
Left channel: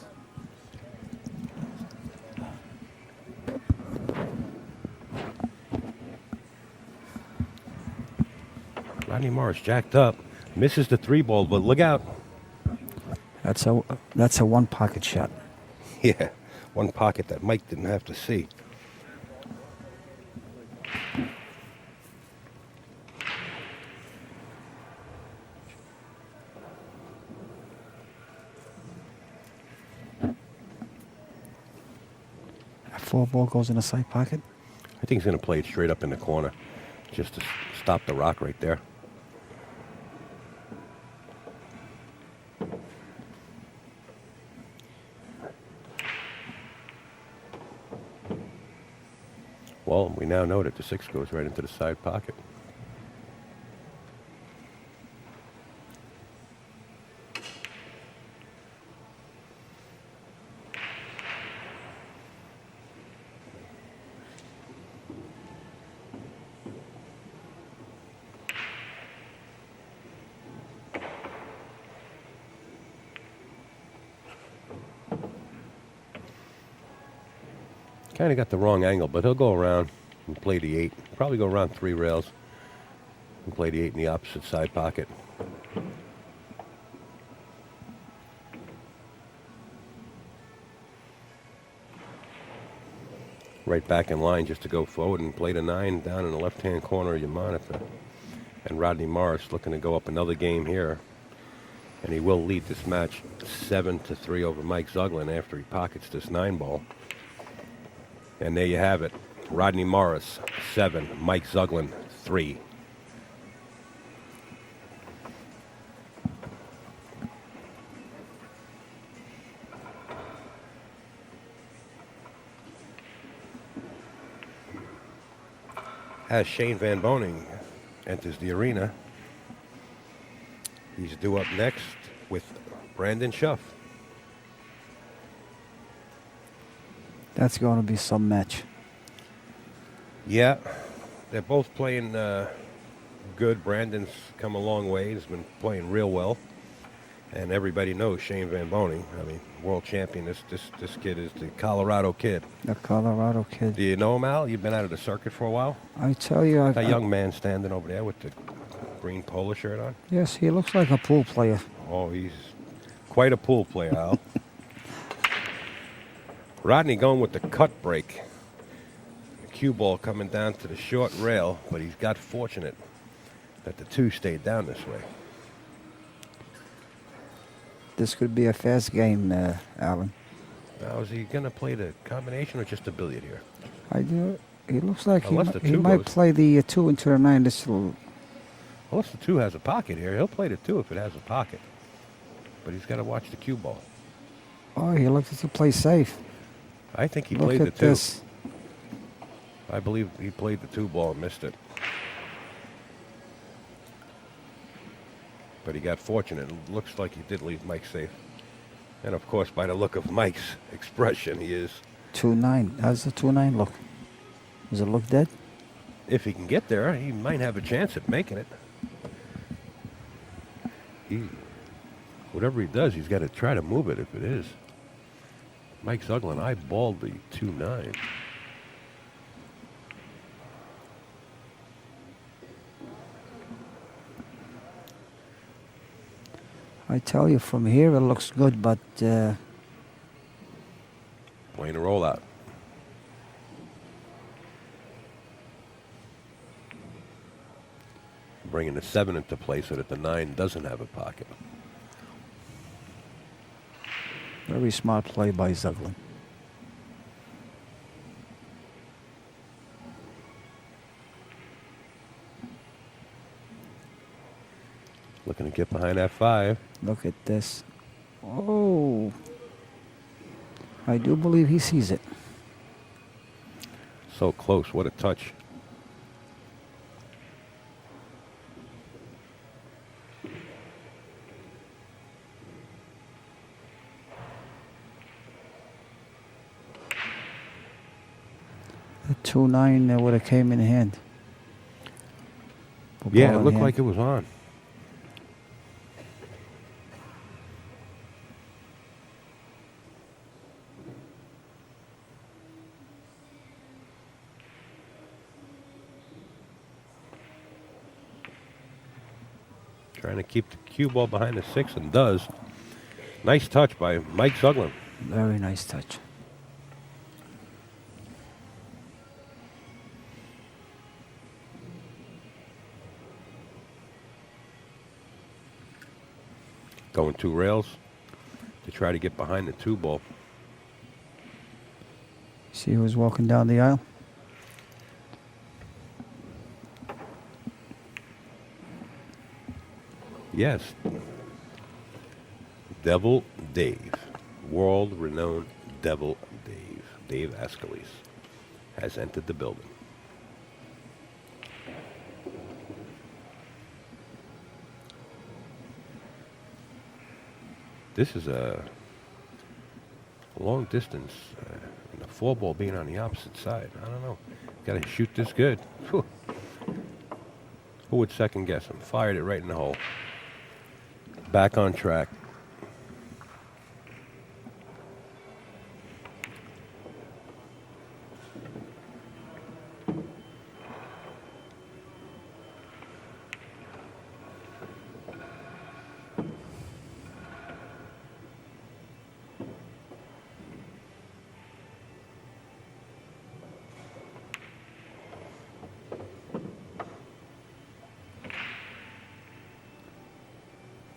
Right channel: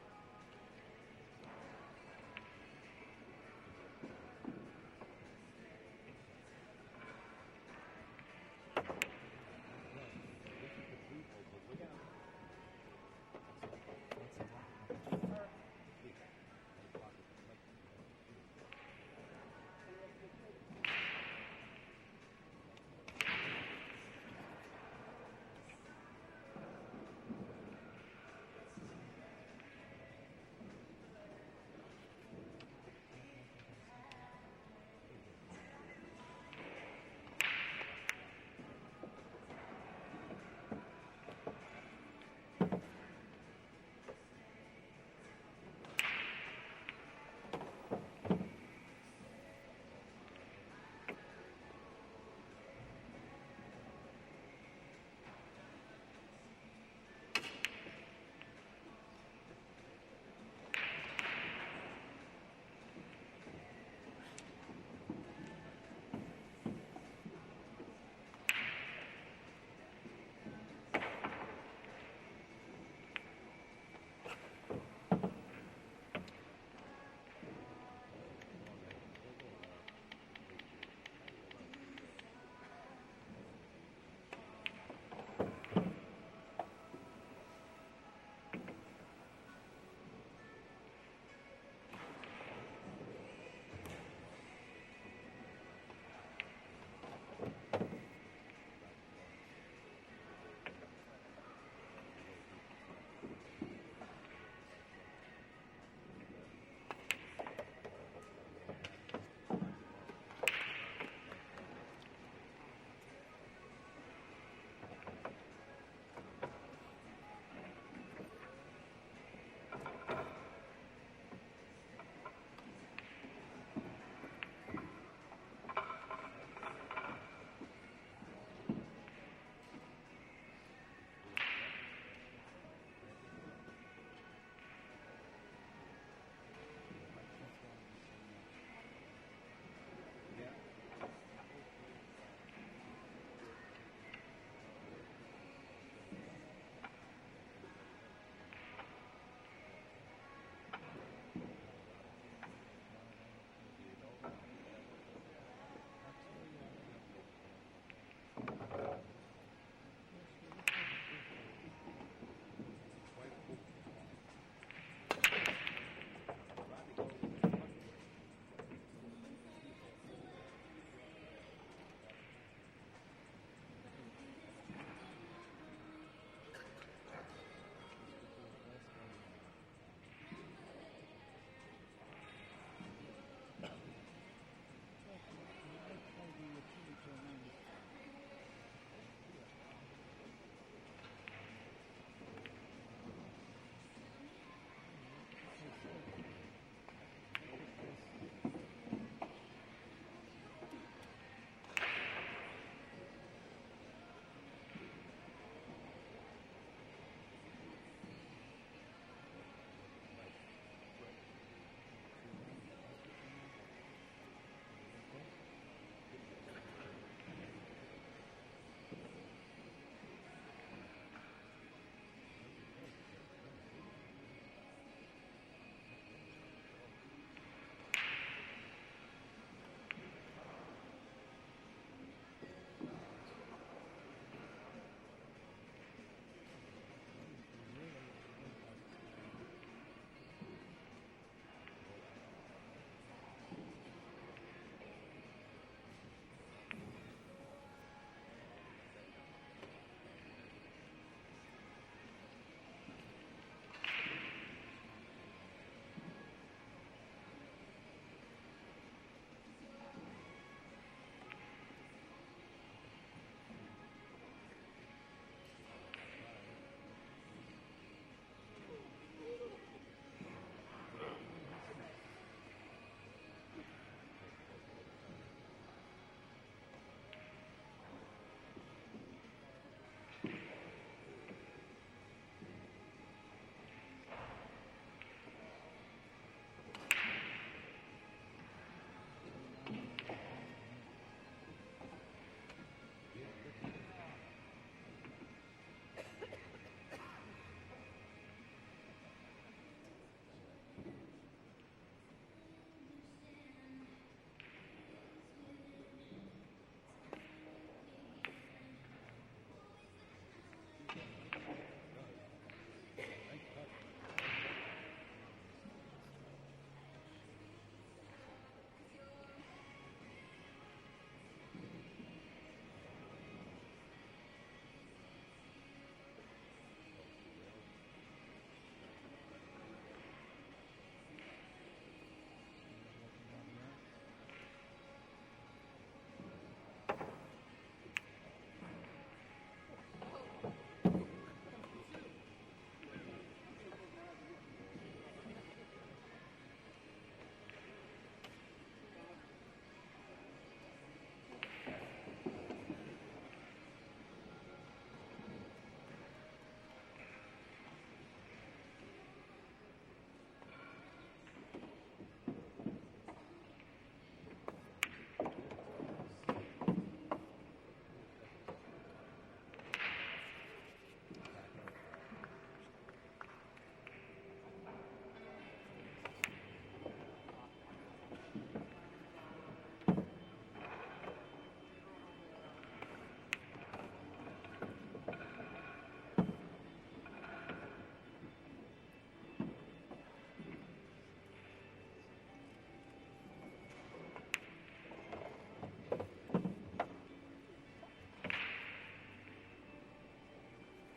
Rodney Morris jacked up. Misses the 3 ball, but look out. That's a one pocket shot. Yeah, one pocket that Mike didn't have to see. That 4 ball goes in the side pocket. I think he's going to play it straight up in the corner just to stop the rock right there. Well, we now know that the 6 goes right into the side pocket. Kind of got the wrong angle, but he'll go around and play the 8. Probably go around 3 rails and play the 8 in the opposite side pocket. right back in line just to go forward and play the 9 down in the left-hand corner of your monitor. And Rodney Morris looking to go up another game here. And he will lead this match 7-3 over Mike Zuglan after he pockets this 9 ball. And there you have it. Rodney Morris, 7. Mike Zuglan, 3. As Shane Van Boning enters the arena, he's due up next with Brandon Schuff. That's going to be some match. Yeah, they're both playing good. Brandon's come a long way. He's been playing real well. And everybody knows Shane Van Boning. I mean, world champion. This kid is the Colorado kid. The Colorado kid. Do you know him, Al? You've been out of the circuit for a while? I tell you, That young man standing over there with the green polo shirt on. Yes, he looks like a pool player. Oh, he's quite a pool player, Al. Rodney going with the cut break. The cue ball coming down to the short rail, but he's got fortunate that the 2 stayed down this way. This could be a fast game, Alan. Now, is he going to play the combination or just a billiard here? I do. He looks like Unless the he 2 might goes. play the 2 into the 9. This will. Unless the 2 has a pocket here. He'll play the 2 if it has a pocket. But he's got to watch the cue ball. Oh, he looks to play safe. I think he Look played the at 2. this. I believe he played the 2 ball and missed it. But he got fortunate. It looks like he did leave Mike safe. And of course, by the look of Mike's expression, he is. 2-9. How's the 2-9 look? Does it look dead? If he can get there, he might have a chance at making it. Whatever he does, he's got to try to move it if it is. Mike Zuglan eyeballed the 2-9. I tell you, from here it looks good, but Playing a rollout. Bringing the 7 into play so that the 9 doesn't have a pocket. very smart play by Zuglan. Looking to get behind that 5. Look at this. Oh. I do believe he sees it. So close. What a touch. The 2-9 would have came in hand. Yeah, Ball it in looked hand. like it was on. Trying to keep the cue ball behind the 6 and does. Nice touch by Mike Zuglan. Very nice touch. Going 2 rails to try to get behind the 2 ball. See who's walking down the aisle? Yes. Devil Dave. World-renowned Devil Dave. Dave Ascalise has entered the building. This is a long distance. The 4 ball being on the opposite side. I don't know. Got to shoot this good. Whew. Who would second guess him? Fired it right in the hole. Back on track.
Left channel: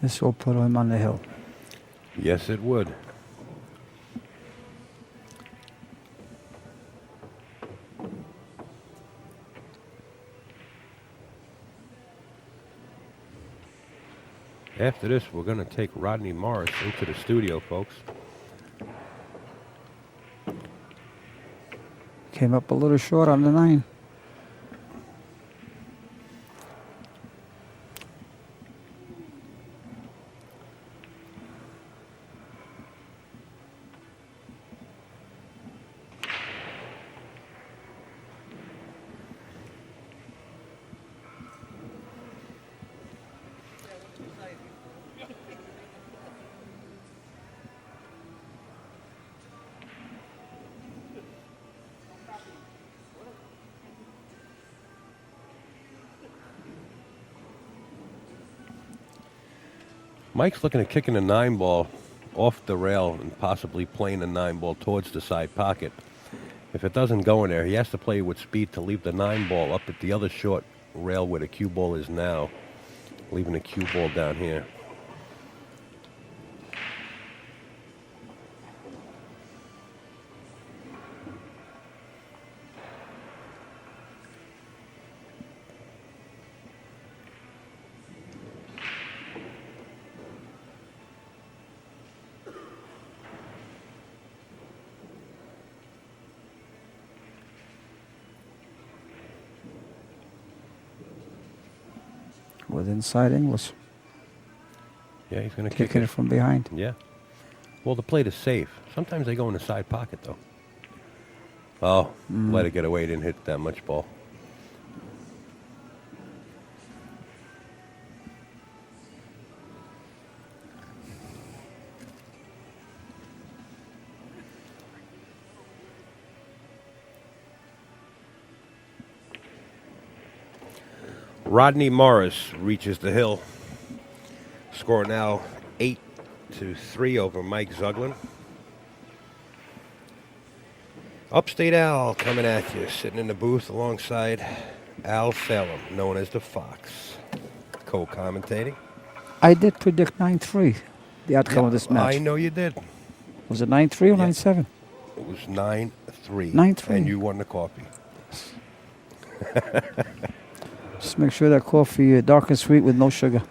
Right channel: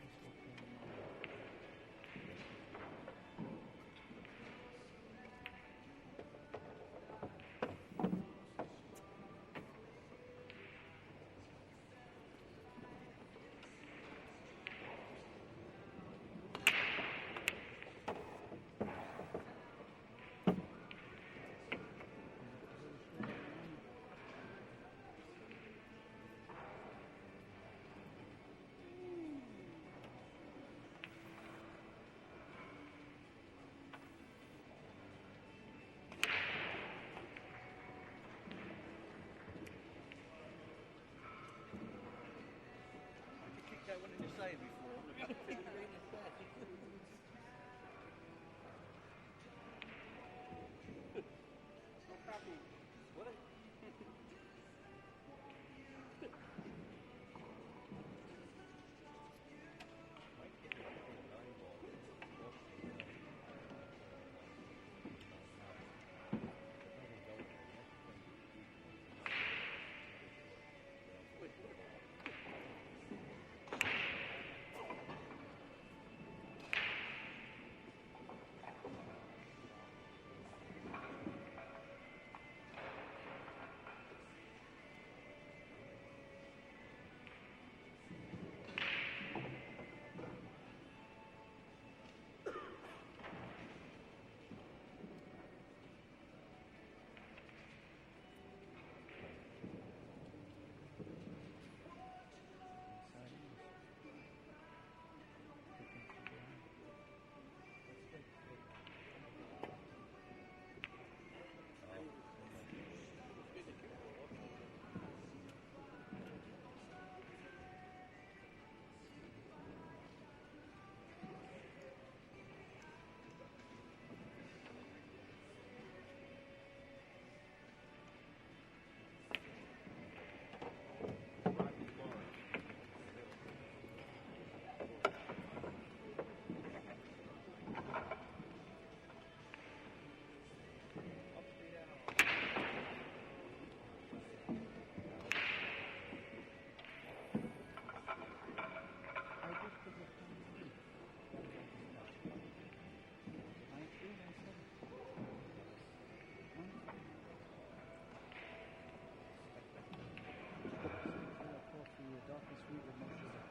This will put him on the hill. Yes, it would. After this, we're going to take Rodney Morris into the studio, folks. Came up a little short on the 9. Mike's looking at kicking a 9 ball off the rail and possibly playing the 9 ball towards the side pocket. If it doesn't go in there, he has to play with speed to leave the 9 ball up at the other short rail where the cue ball is now, leaving the cue ball down here. With inside English. Yeah, he's going to Kicking it from behind. Yeah. Well, the plate is safe. Sometimes they go in the side pocket, though. Oh, let it get away. Didn't hit that much ball. Rodney Morris reaches the hill. Score now 8-3 over Mike Zuglan. Upstate Al coming at you, sitting in the booth alongside Al Salem, known as the Fox, co-commentating. I did predict 9-3, the outcome of this match. I know you did. Was it 9-3 or 9-7? It was 9-3. 9-3. And you won the coffee. Just make sure that coffee dark and sweet with no sugar.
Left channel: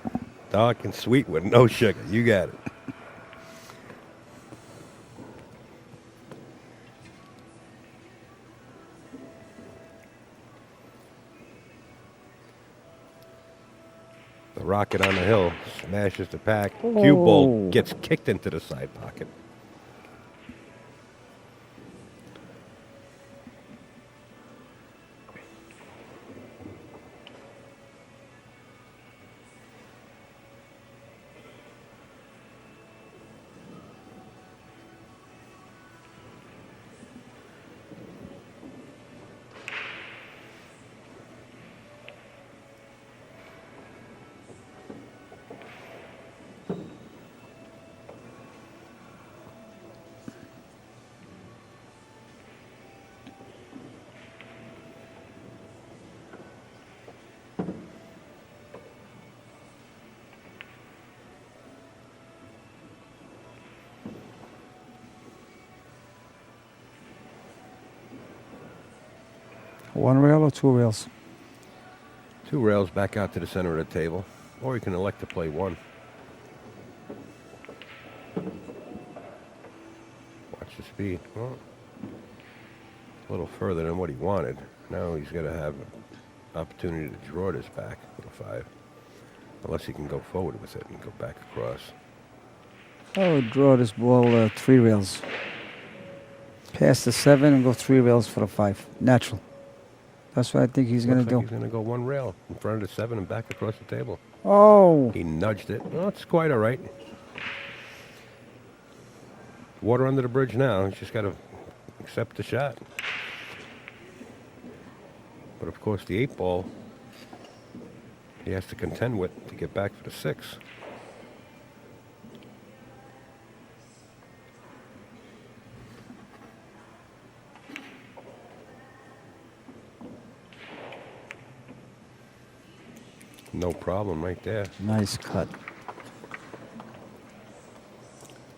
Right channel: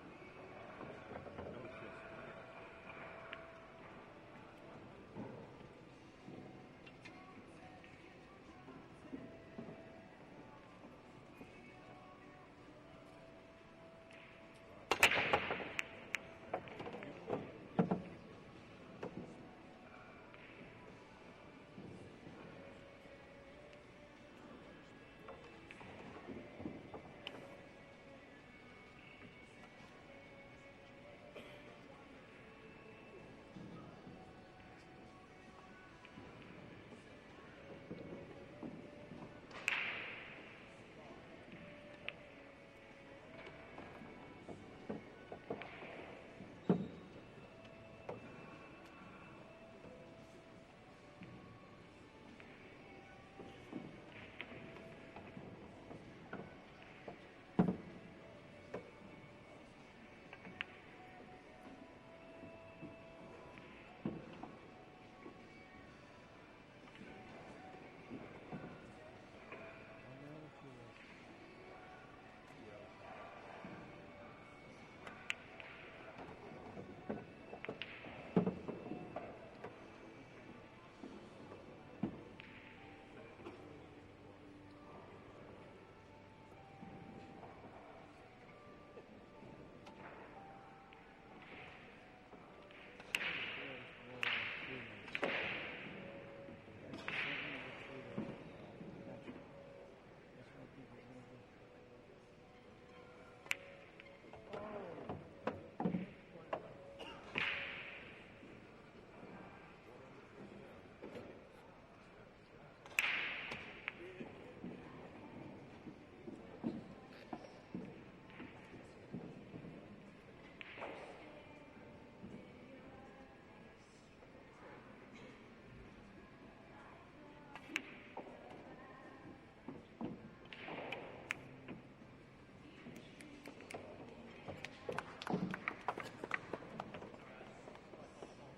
Dark and sweet with no sugar. You got it. The rocket on the hill smashes the pack. Cue ball gets kicked into the side pocket. One rail or two rails? 2 rails back out to the center of the table, or you can elect to play 1. Watch the speed. Well, a little further than what he wanted. Now he's got to have an opportunity to draw this back with a 5. Unless he can go forward with it and go back across. I would draw this ball 3 rails. Pass the 7 and go 3 rails for the 5. Natural. That's what I think he's going to do. He's going to go 1 rail in front of the 7 and back across the table. Oh. He nudged it. Well, it's quite all right. Water under the bridge now. He's just got to accept the shot. But, of course, the 8 ball he has to contend with to get back for the 6. No problem right there. Nice cut.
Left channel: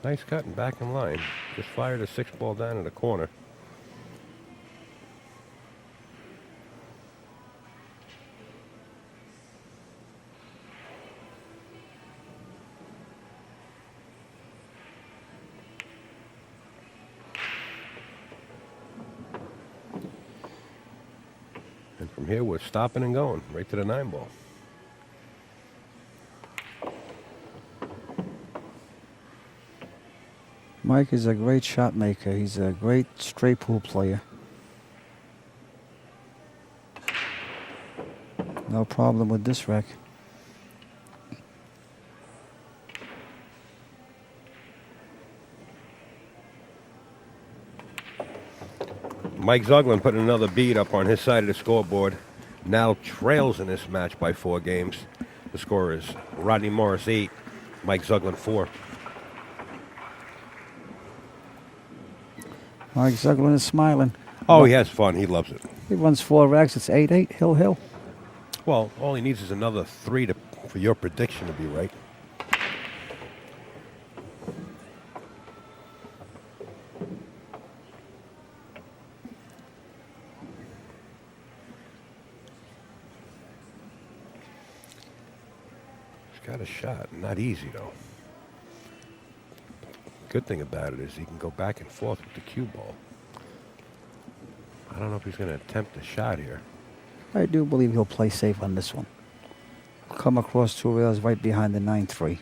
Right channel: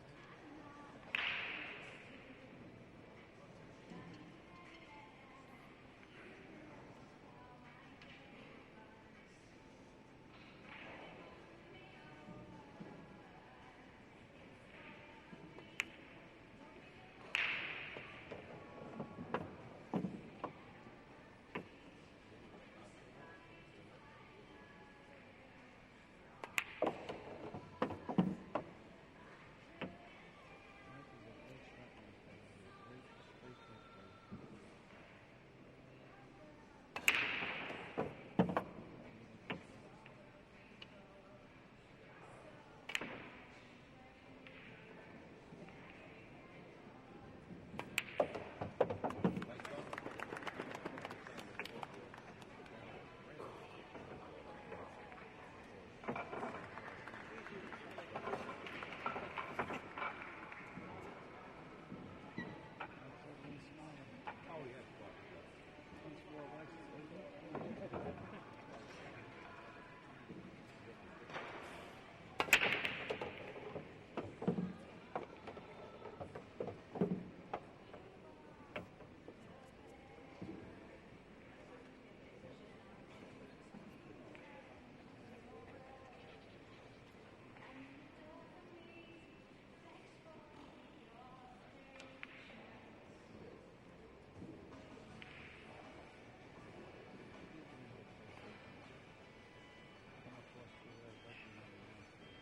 Nice cut and back in line. Just fired a 6-ball down in the corner. And from here, we're stopping and going right to the 9-ball. Mike is a great shot maker. He's a great straight pool player. No problem with this wreck. Mike Zuglan putting another bead up on his side of the scoreboard. Now trails in this match by 4 games. The score is Rodney Morris 8, Mike Zuglan 4. Mike Zuglan is smiling. Oh, he has fun. He loves it. He runs 4 racks. It's 8-8, hill. Well, all he needs is another 3 for your prediction to be right. He's got a shot. Not easy, though. Good thing about it is he can go back and forth with the cue ball. I don't know if he's going to attempt a shot here. I do believe he'll play safe on this one. Come across 2 rails right behind the 9-3. You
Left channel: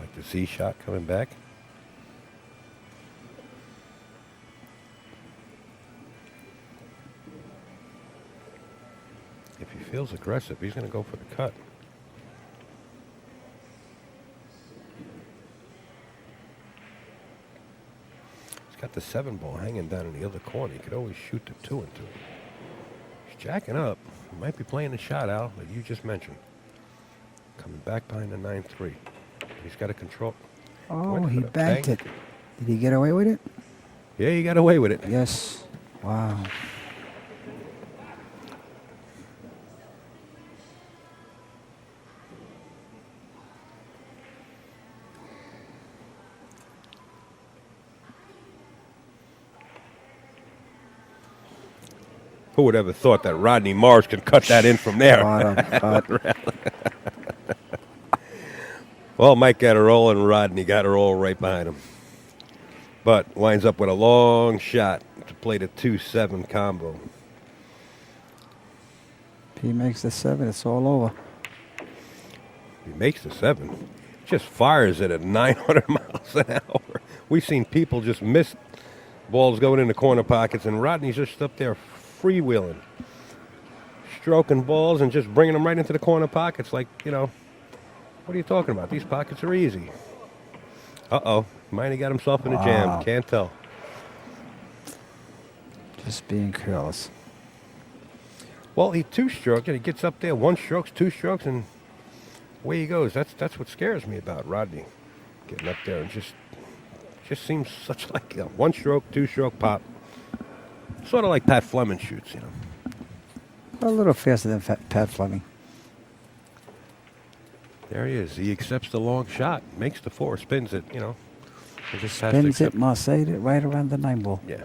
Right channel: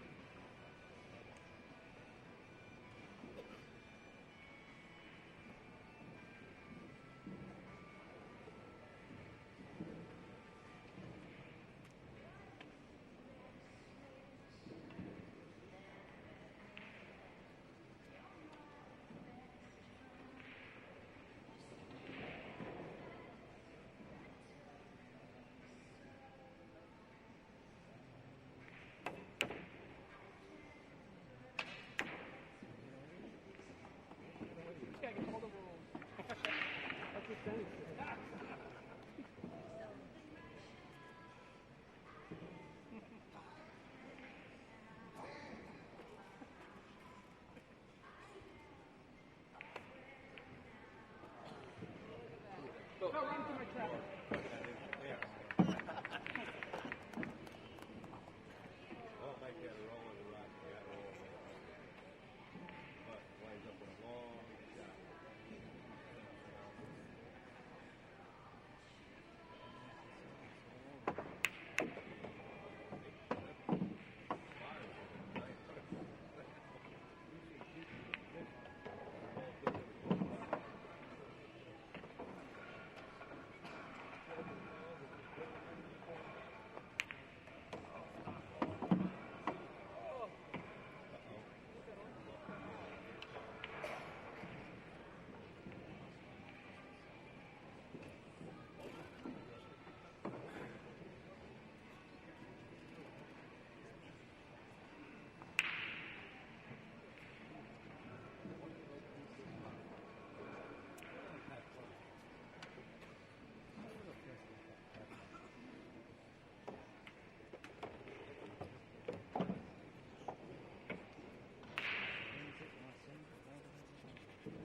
like the Z shot coming back? If he feels aggressive, he's going to go for the cut. He's got the 7-ball hanging down in the other corner. He could always shoot the 2 into it. He's jacking up. He might be playing the shot out, like you just mentioned. Coming back behind the 9-3. He's got to control. Oh, Went he for the banked bank. it. Did he get away with it? Yeah, he got away with it. Yes. Wow. Who would ever thought that Rodney Morris could cut that in from there? Cut. Well, Mike got a roll, and Rodney got a roll right behind him. But winds up with a long shot to play the 2-7 combo. If he makes the 7, it's all over. He makes the 7. Just fires it at 900 miles an hour. We've seen people just miss balls going in the corner pockets, and Rodney's just up there freewheeling, stroking balls and just bringing them right into the corner pockets like, you know, what are you talking about? These pockets are easy. Uh-oh. Might have got himself in a jam. Can't tell. Just being careless. Well, he 2-stroked, and he gets up there, 1 stroke, 2 strokes, and away he goes. That's what scares me about Rodney. Getting up there and just seems such like, you know, 1 stroke, 2-stroke pop. Sort of like Pat Fleming shoots, you know. A little faster than Pat Fleming. There he is. He accepts the long shot, makes the 4, spins it, you know. He just has to Spins it, accept- Marseille it right around the 9-ball. Yeah.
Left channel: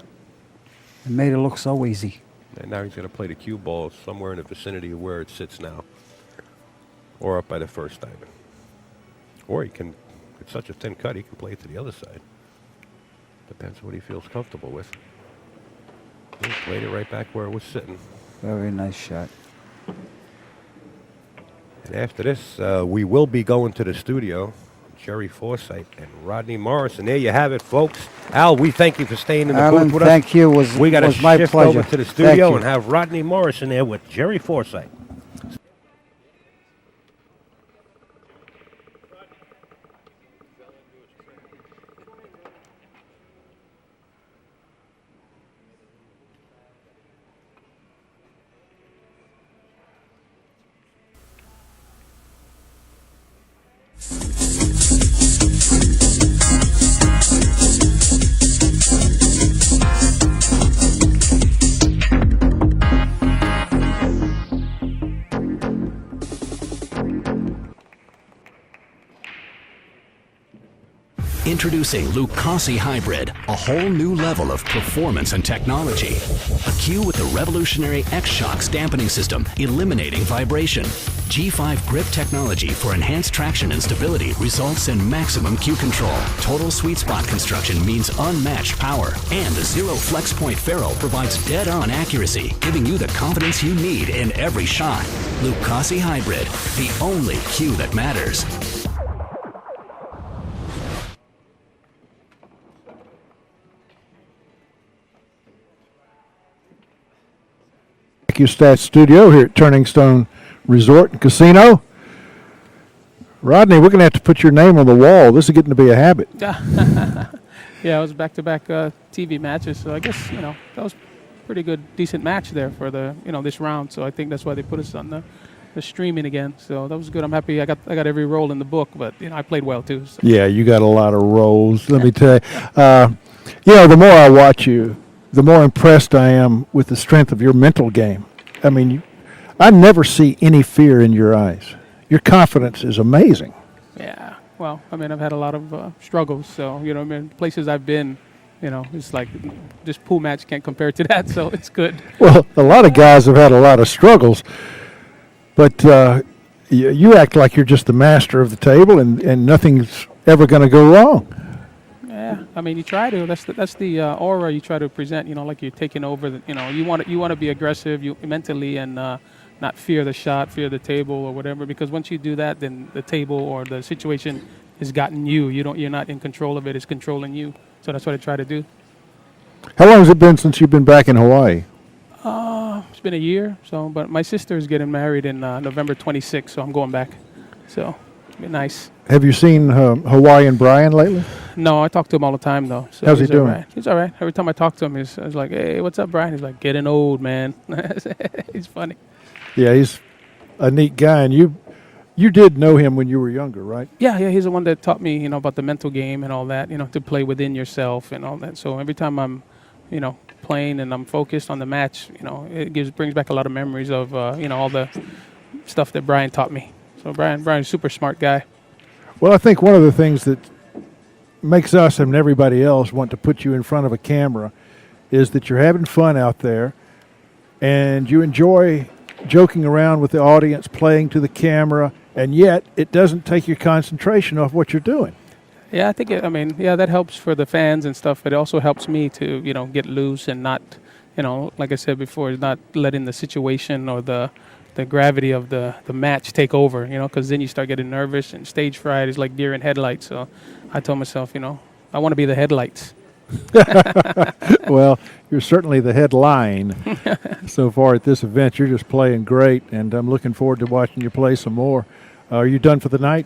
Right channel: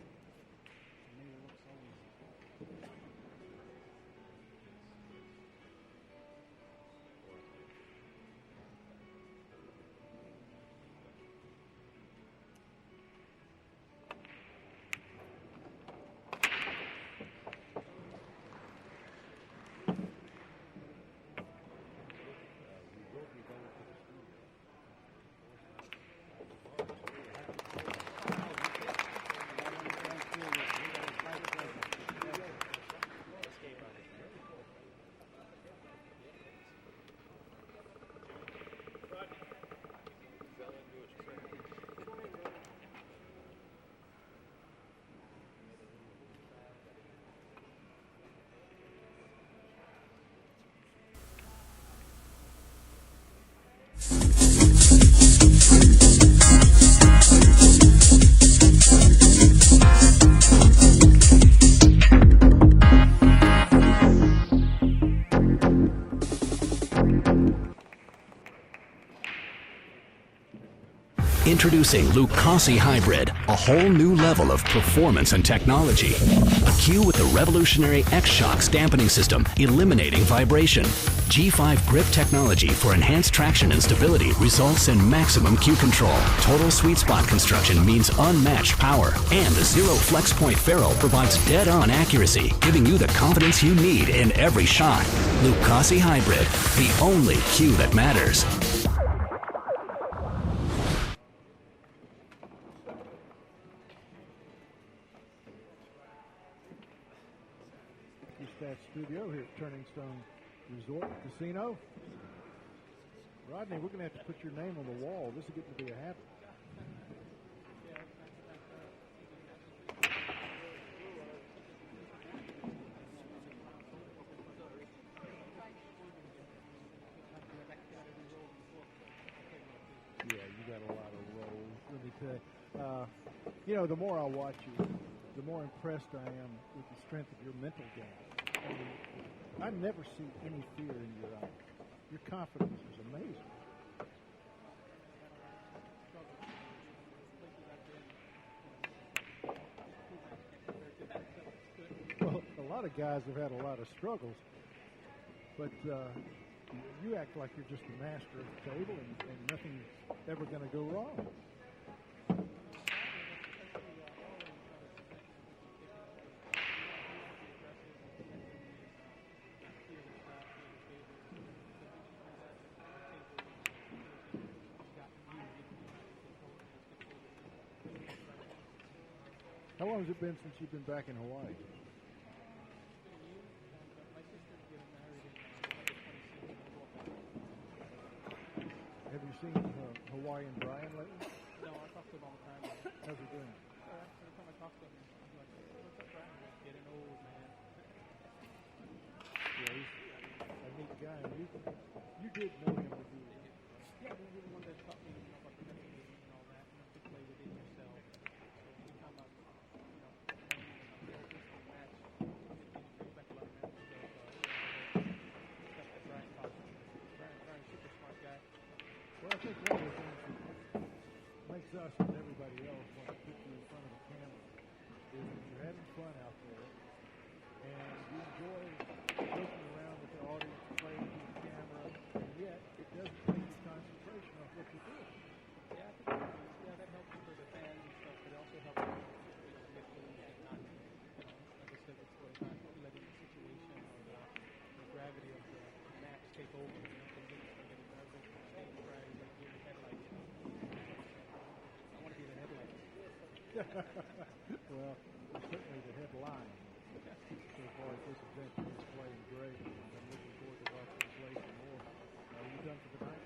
It made it look so easy. And now he's going to play the cue ball somewhere in the vicinity of where it sits now. Or up by the first diamond. Or he can, it's such a thin cut, he can play it to the other side. Depends what he feels comfortable with. He played it right back where it was sitting. Very nice shot. And after this, we will be going to the studio. Jerry Forsythe and Rodney Morris. And there you have it, folks. Al, we thank you for staying in the Alan, booth with us. thank you. We got to was my shift pleasure. over to the Thank studio you. and have Rodney Morris in there with Jerry Forsythe. Introducing Lucasi Hybrid, a whole new level of performance and technology. A cue with the revolutionary X-Shocks dampening system, eliminating vibration. G5 grip technology for enhanced traction and stability results in maximum cue control. Total sweet spot construction means unmatched power. And the Zero Flex Point ferrule provides dead-on accuracy, giving you the confidence you need in every shot. Lucasi Hybrid, the only cue that matters. AccuStats studio here at Turning Stone Resort and Casino. Rodney, we're going to have to put your name on the wall. This is getting to be a habit. Yeah, it was back-to-back TV matches, so I guess, that was a pretty good, decent match there for the, this round. So I think that's why they put us on the streaming again. So that was good. I'm happy I got every role in the book, but, I played well too. So. Yeah, you got a lot of roles. Let me tell you. The more I watch you, the more impressed I am with the strength of your mental game. I mean, I never see any fear in your eyes. Your confidence is amazing. Yeah, well, I've had a lot of struggles. So, places I've been, it's like this pool match can't compare to that. So it's good. Well, a lot of guys have had a lot of struggles, but you act like you're just the master of the table and nothing's ever going to go wrong. Yeah, you try to. That's the aura you try to present. Like you're taking over. You want to be aggressive, mentally, and not fear the shot, fear the table or whatever. Because once you do that, then the table or the situation has gotten you. You're not in control of it. It's controlling you. So that's what I try to do. How long has it been since you've been back in Hawaii? It's been a year. But my sister is getting married in November 26th, so I'm going back. So it's been nice. Have you seen Hawaiian Brian lately? No, I talk to him all the time, though. So how's he doing? Right. He's all right. Every time I talk to him, I was like, hey, what's up, Brian? He's like, getting old, man. He's funny. Yeah, he's a neat guy. And you did know him when you were younger, right? Yeah, he's the one that taught me, about the mental game and all that, to play within yourself and all that. So every time I'm, playing and I'm focused on the match, it brings back a lot of memories of, all the stuff that Brian taught me. So Brian's a super smart guy. Well, I think one of the things that makes us and everybody else want to put you in front of a camera is that you're having fun out there and you enjoy joking around with the audience, playing to the camera, and yet it doesn't take your concentration off what you're doing. Yeah, I think that helps for the fans and stuff, but it also helps me to, get loose and not, like I said before, not letting the situation or the gravity of the match take over, because then you start getting nervous, and stage fright is like deer in headlights. So I told myself, I want to be the headlights. Well, you're certainly the headline so far at this event. You're just playing great, and I'm looking forward to watching you play some more. Are you done for the night?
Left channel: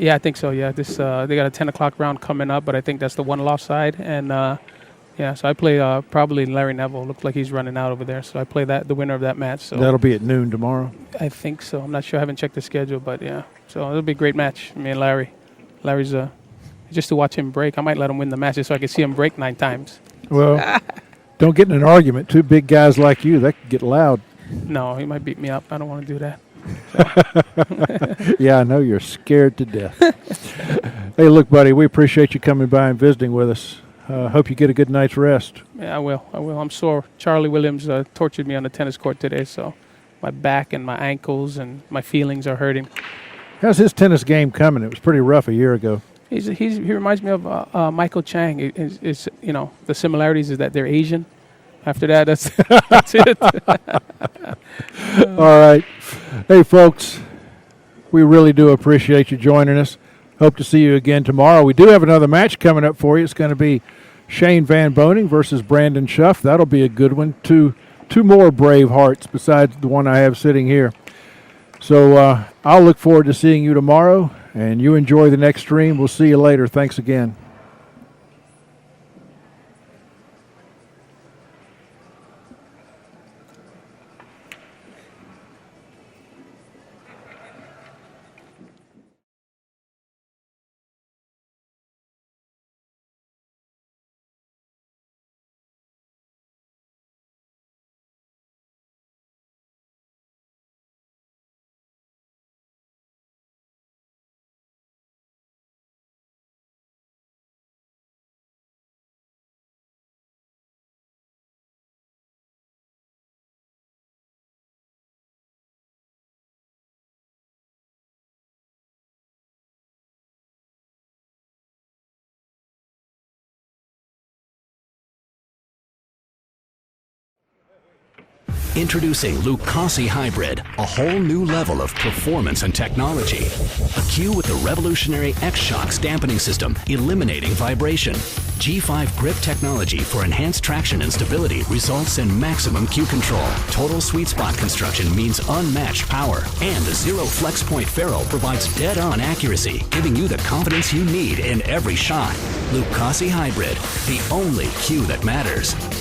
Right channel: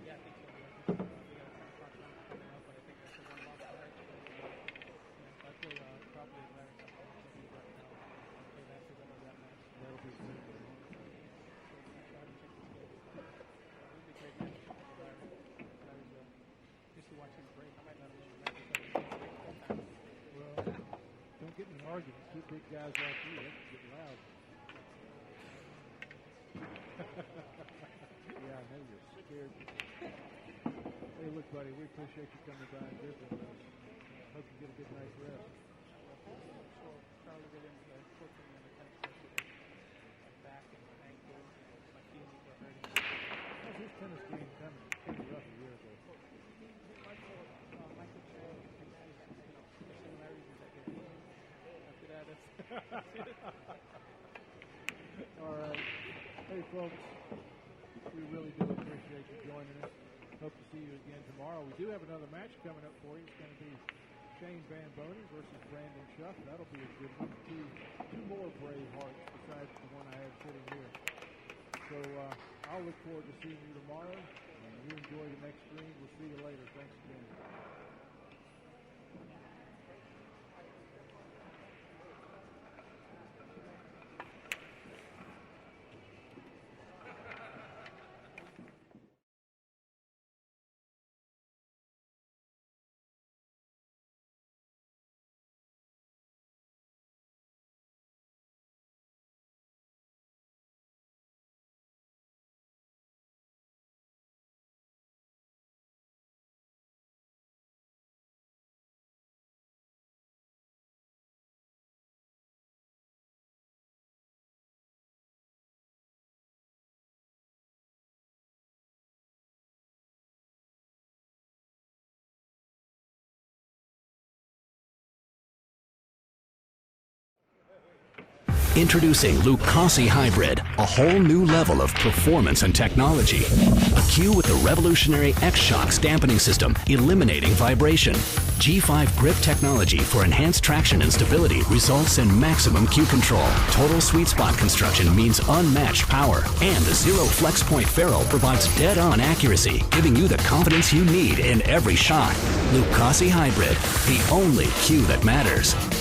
Yeah, I think so, yeah. This they got a 10 o'clock round coming up, but I think that's the one lost side. And, so I play probably Larry Neville. Looks like he's running out over there. So I play the winner of that match. So that'll be at noon tomorrow? I think so. I'm not sure. I haven't checked the schedule, but, yeah. So it'll be a great match. Me and Larry. Larry's just to watch him break. I might let him win the match just so I can see him break 9 times. Well, don't get in an argument. 2 big guys like you, that could get loud. No, he might beat me up. I don't want to do that. Yeah, I know you're scared to death. Hey, look, buddy, we appreciate you coming by and visiting with us. Hope you get a good night's rest. Yeah, I will. I'm sore. Charlie Williams tortured me on the tennis court today, so my back and my ankles and my feelings are hurting. How's his tennis game coming? It was pretty rough a year ago. He reminds me of Michael Chang. It's the similarities is that they're Asian. After that, that's it. All right. Hey, folks, we really do appreciate you joining us. Hope to see you again tomorrow. We do have another match coming up for you. It's going to be Shane Van Boning versus Brandon Schuff. That'll be a good one. Two more brave hearts besides the one I have sitting here. So I'll look forward to seeing you tomorrow, and you enjoy the next stream. We'll see you later. Thanks again. Introducing Lucasi Hybrid, a whole new level of performance and technology. A cue with the revolutionary X-Shocks dampening system, eliminating vibration. G5 grip technology for enhanced traction and stability results in maximum cue control. Total sweet spot construction means unmatched power. And the Zero Flex Point ferrule provides dead-on accuracy, giving you the confidence you need in every shot. Lucasi Hybrid, the only cue that matters.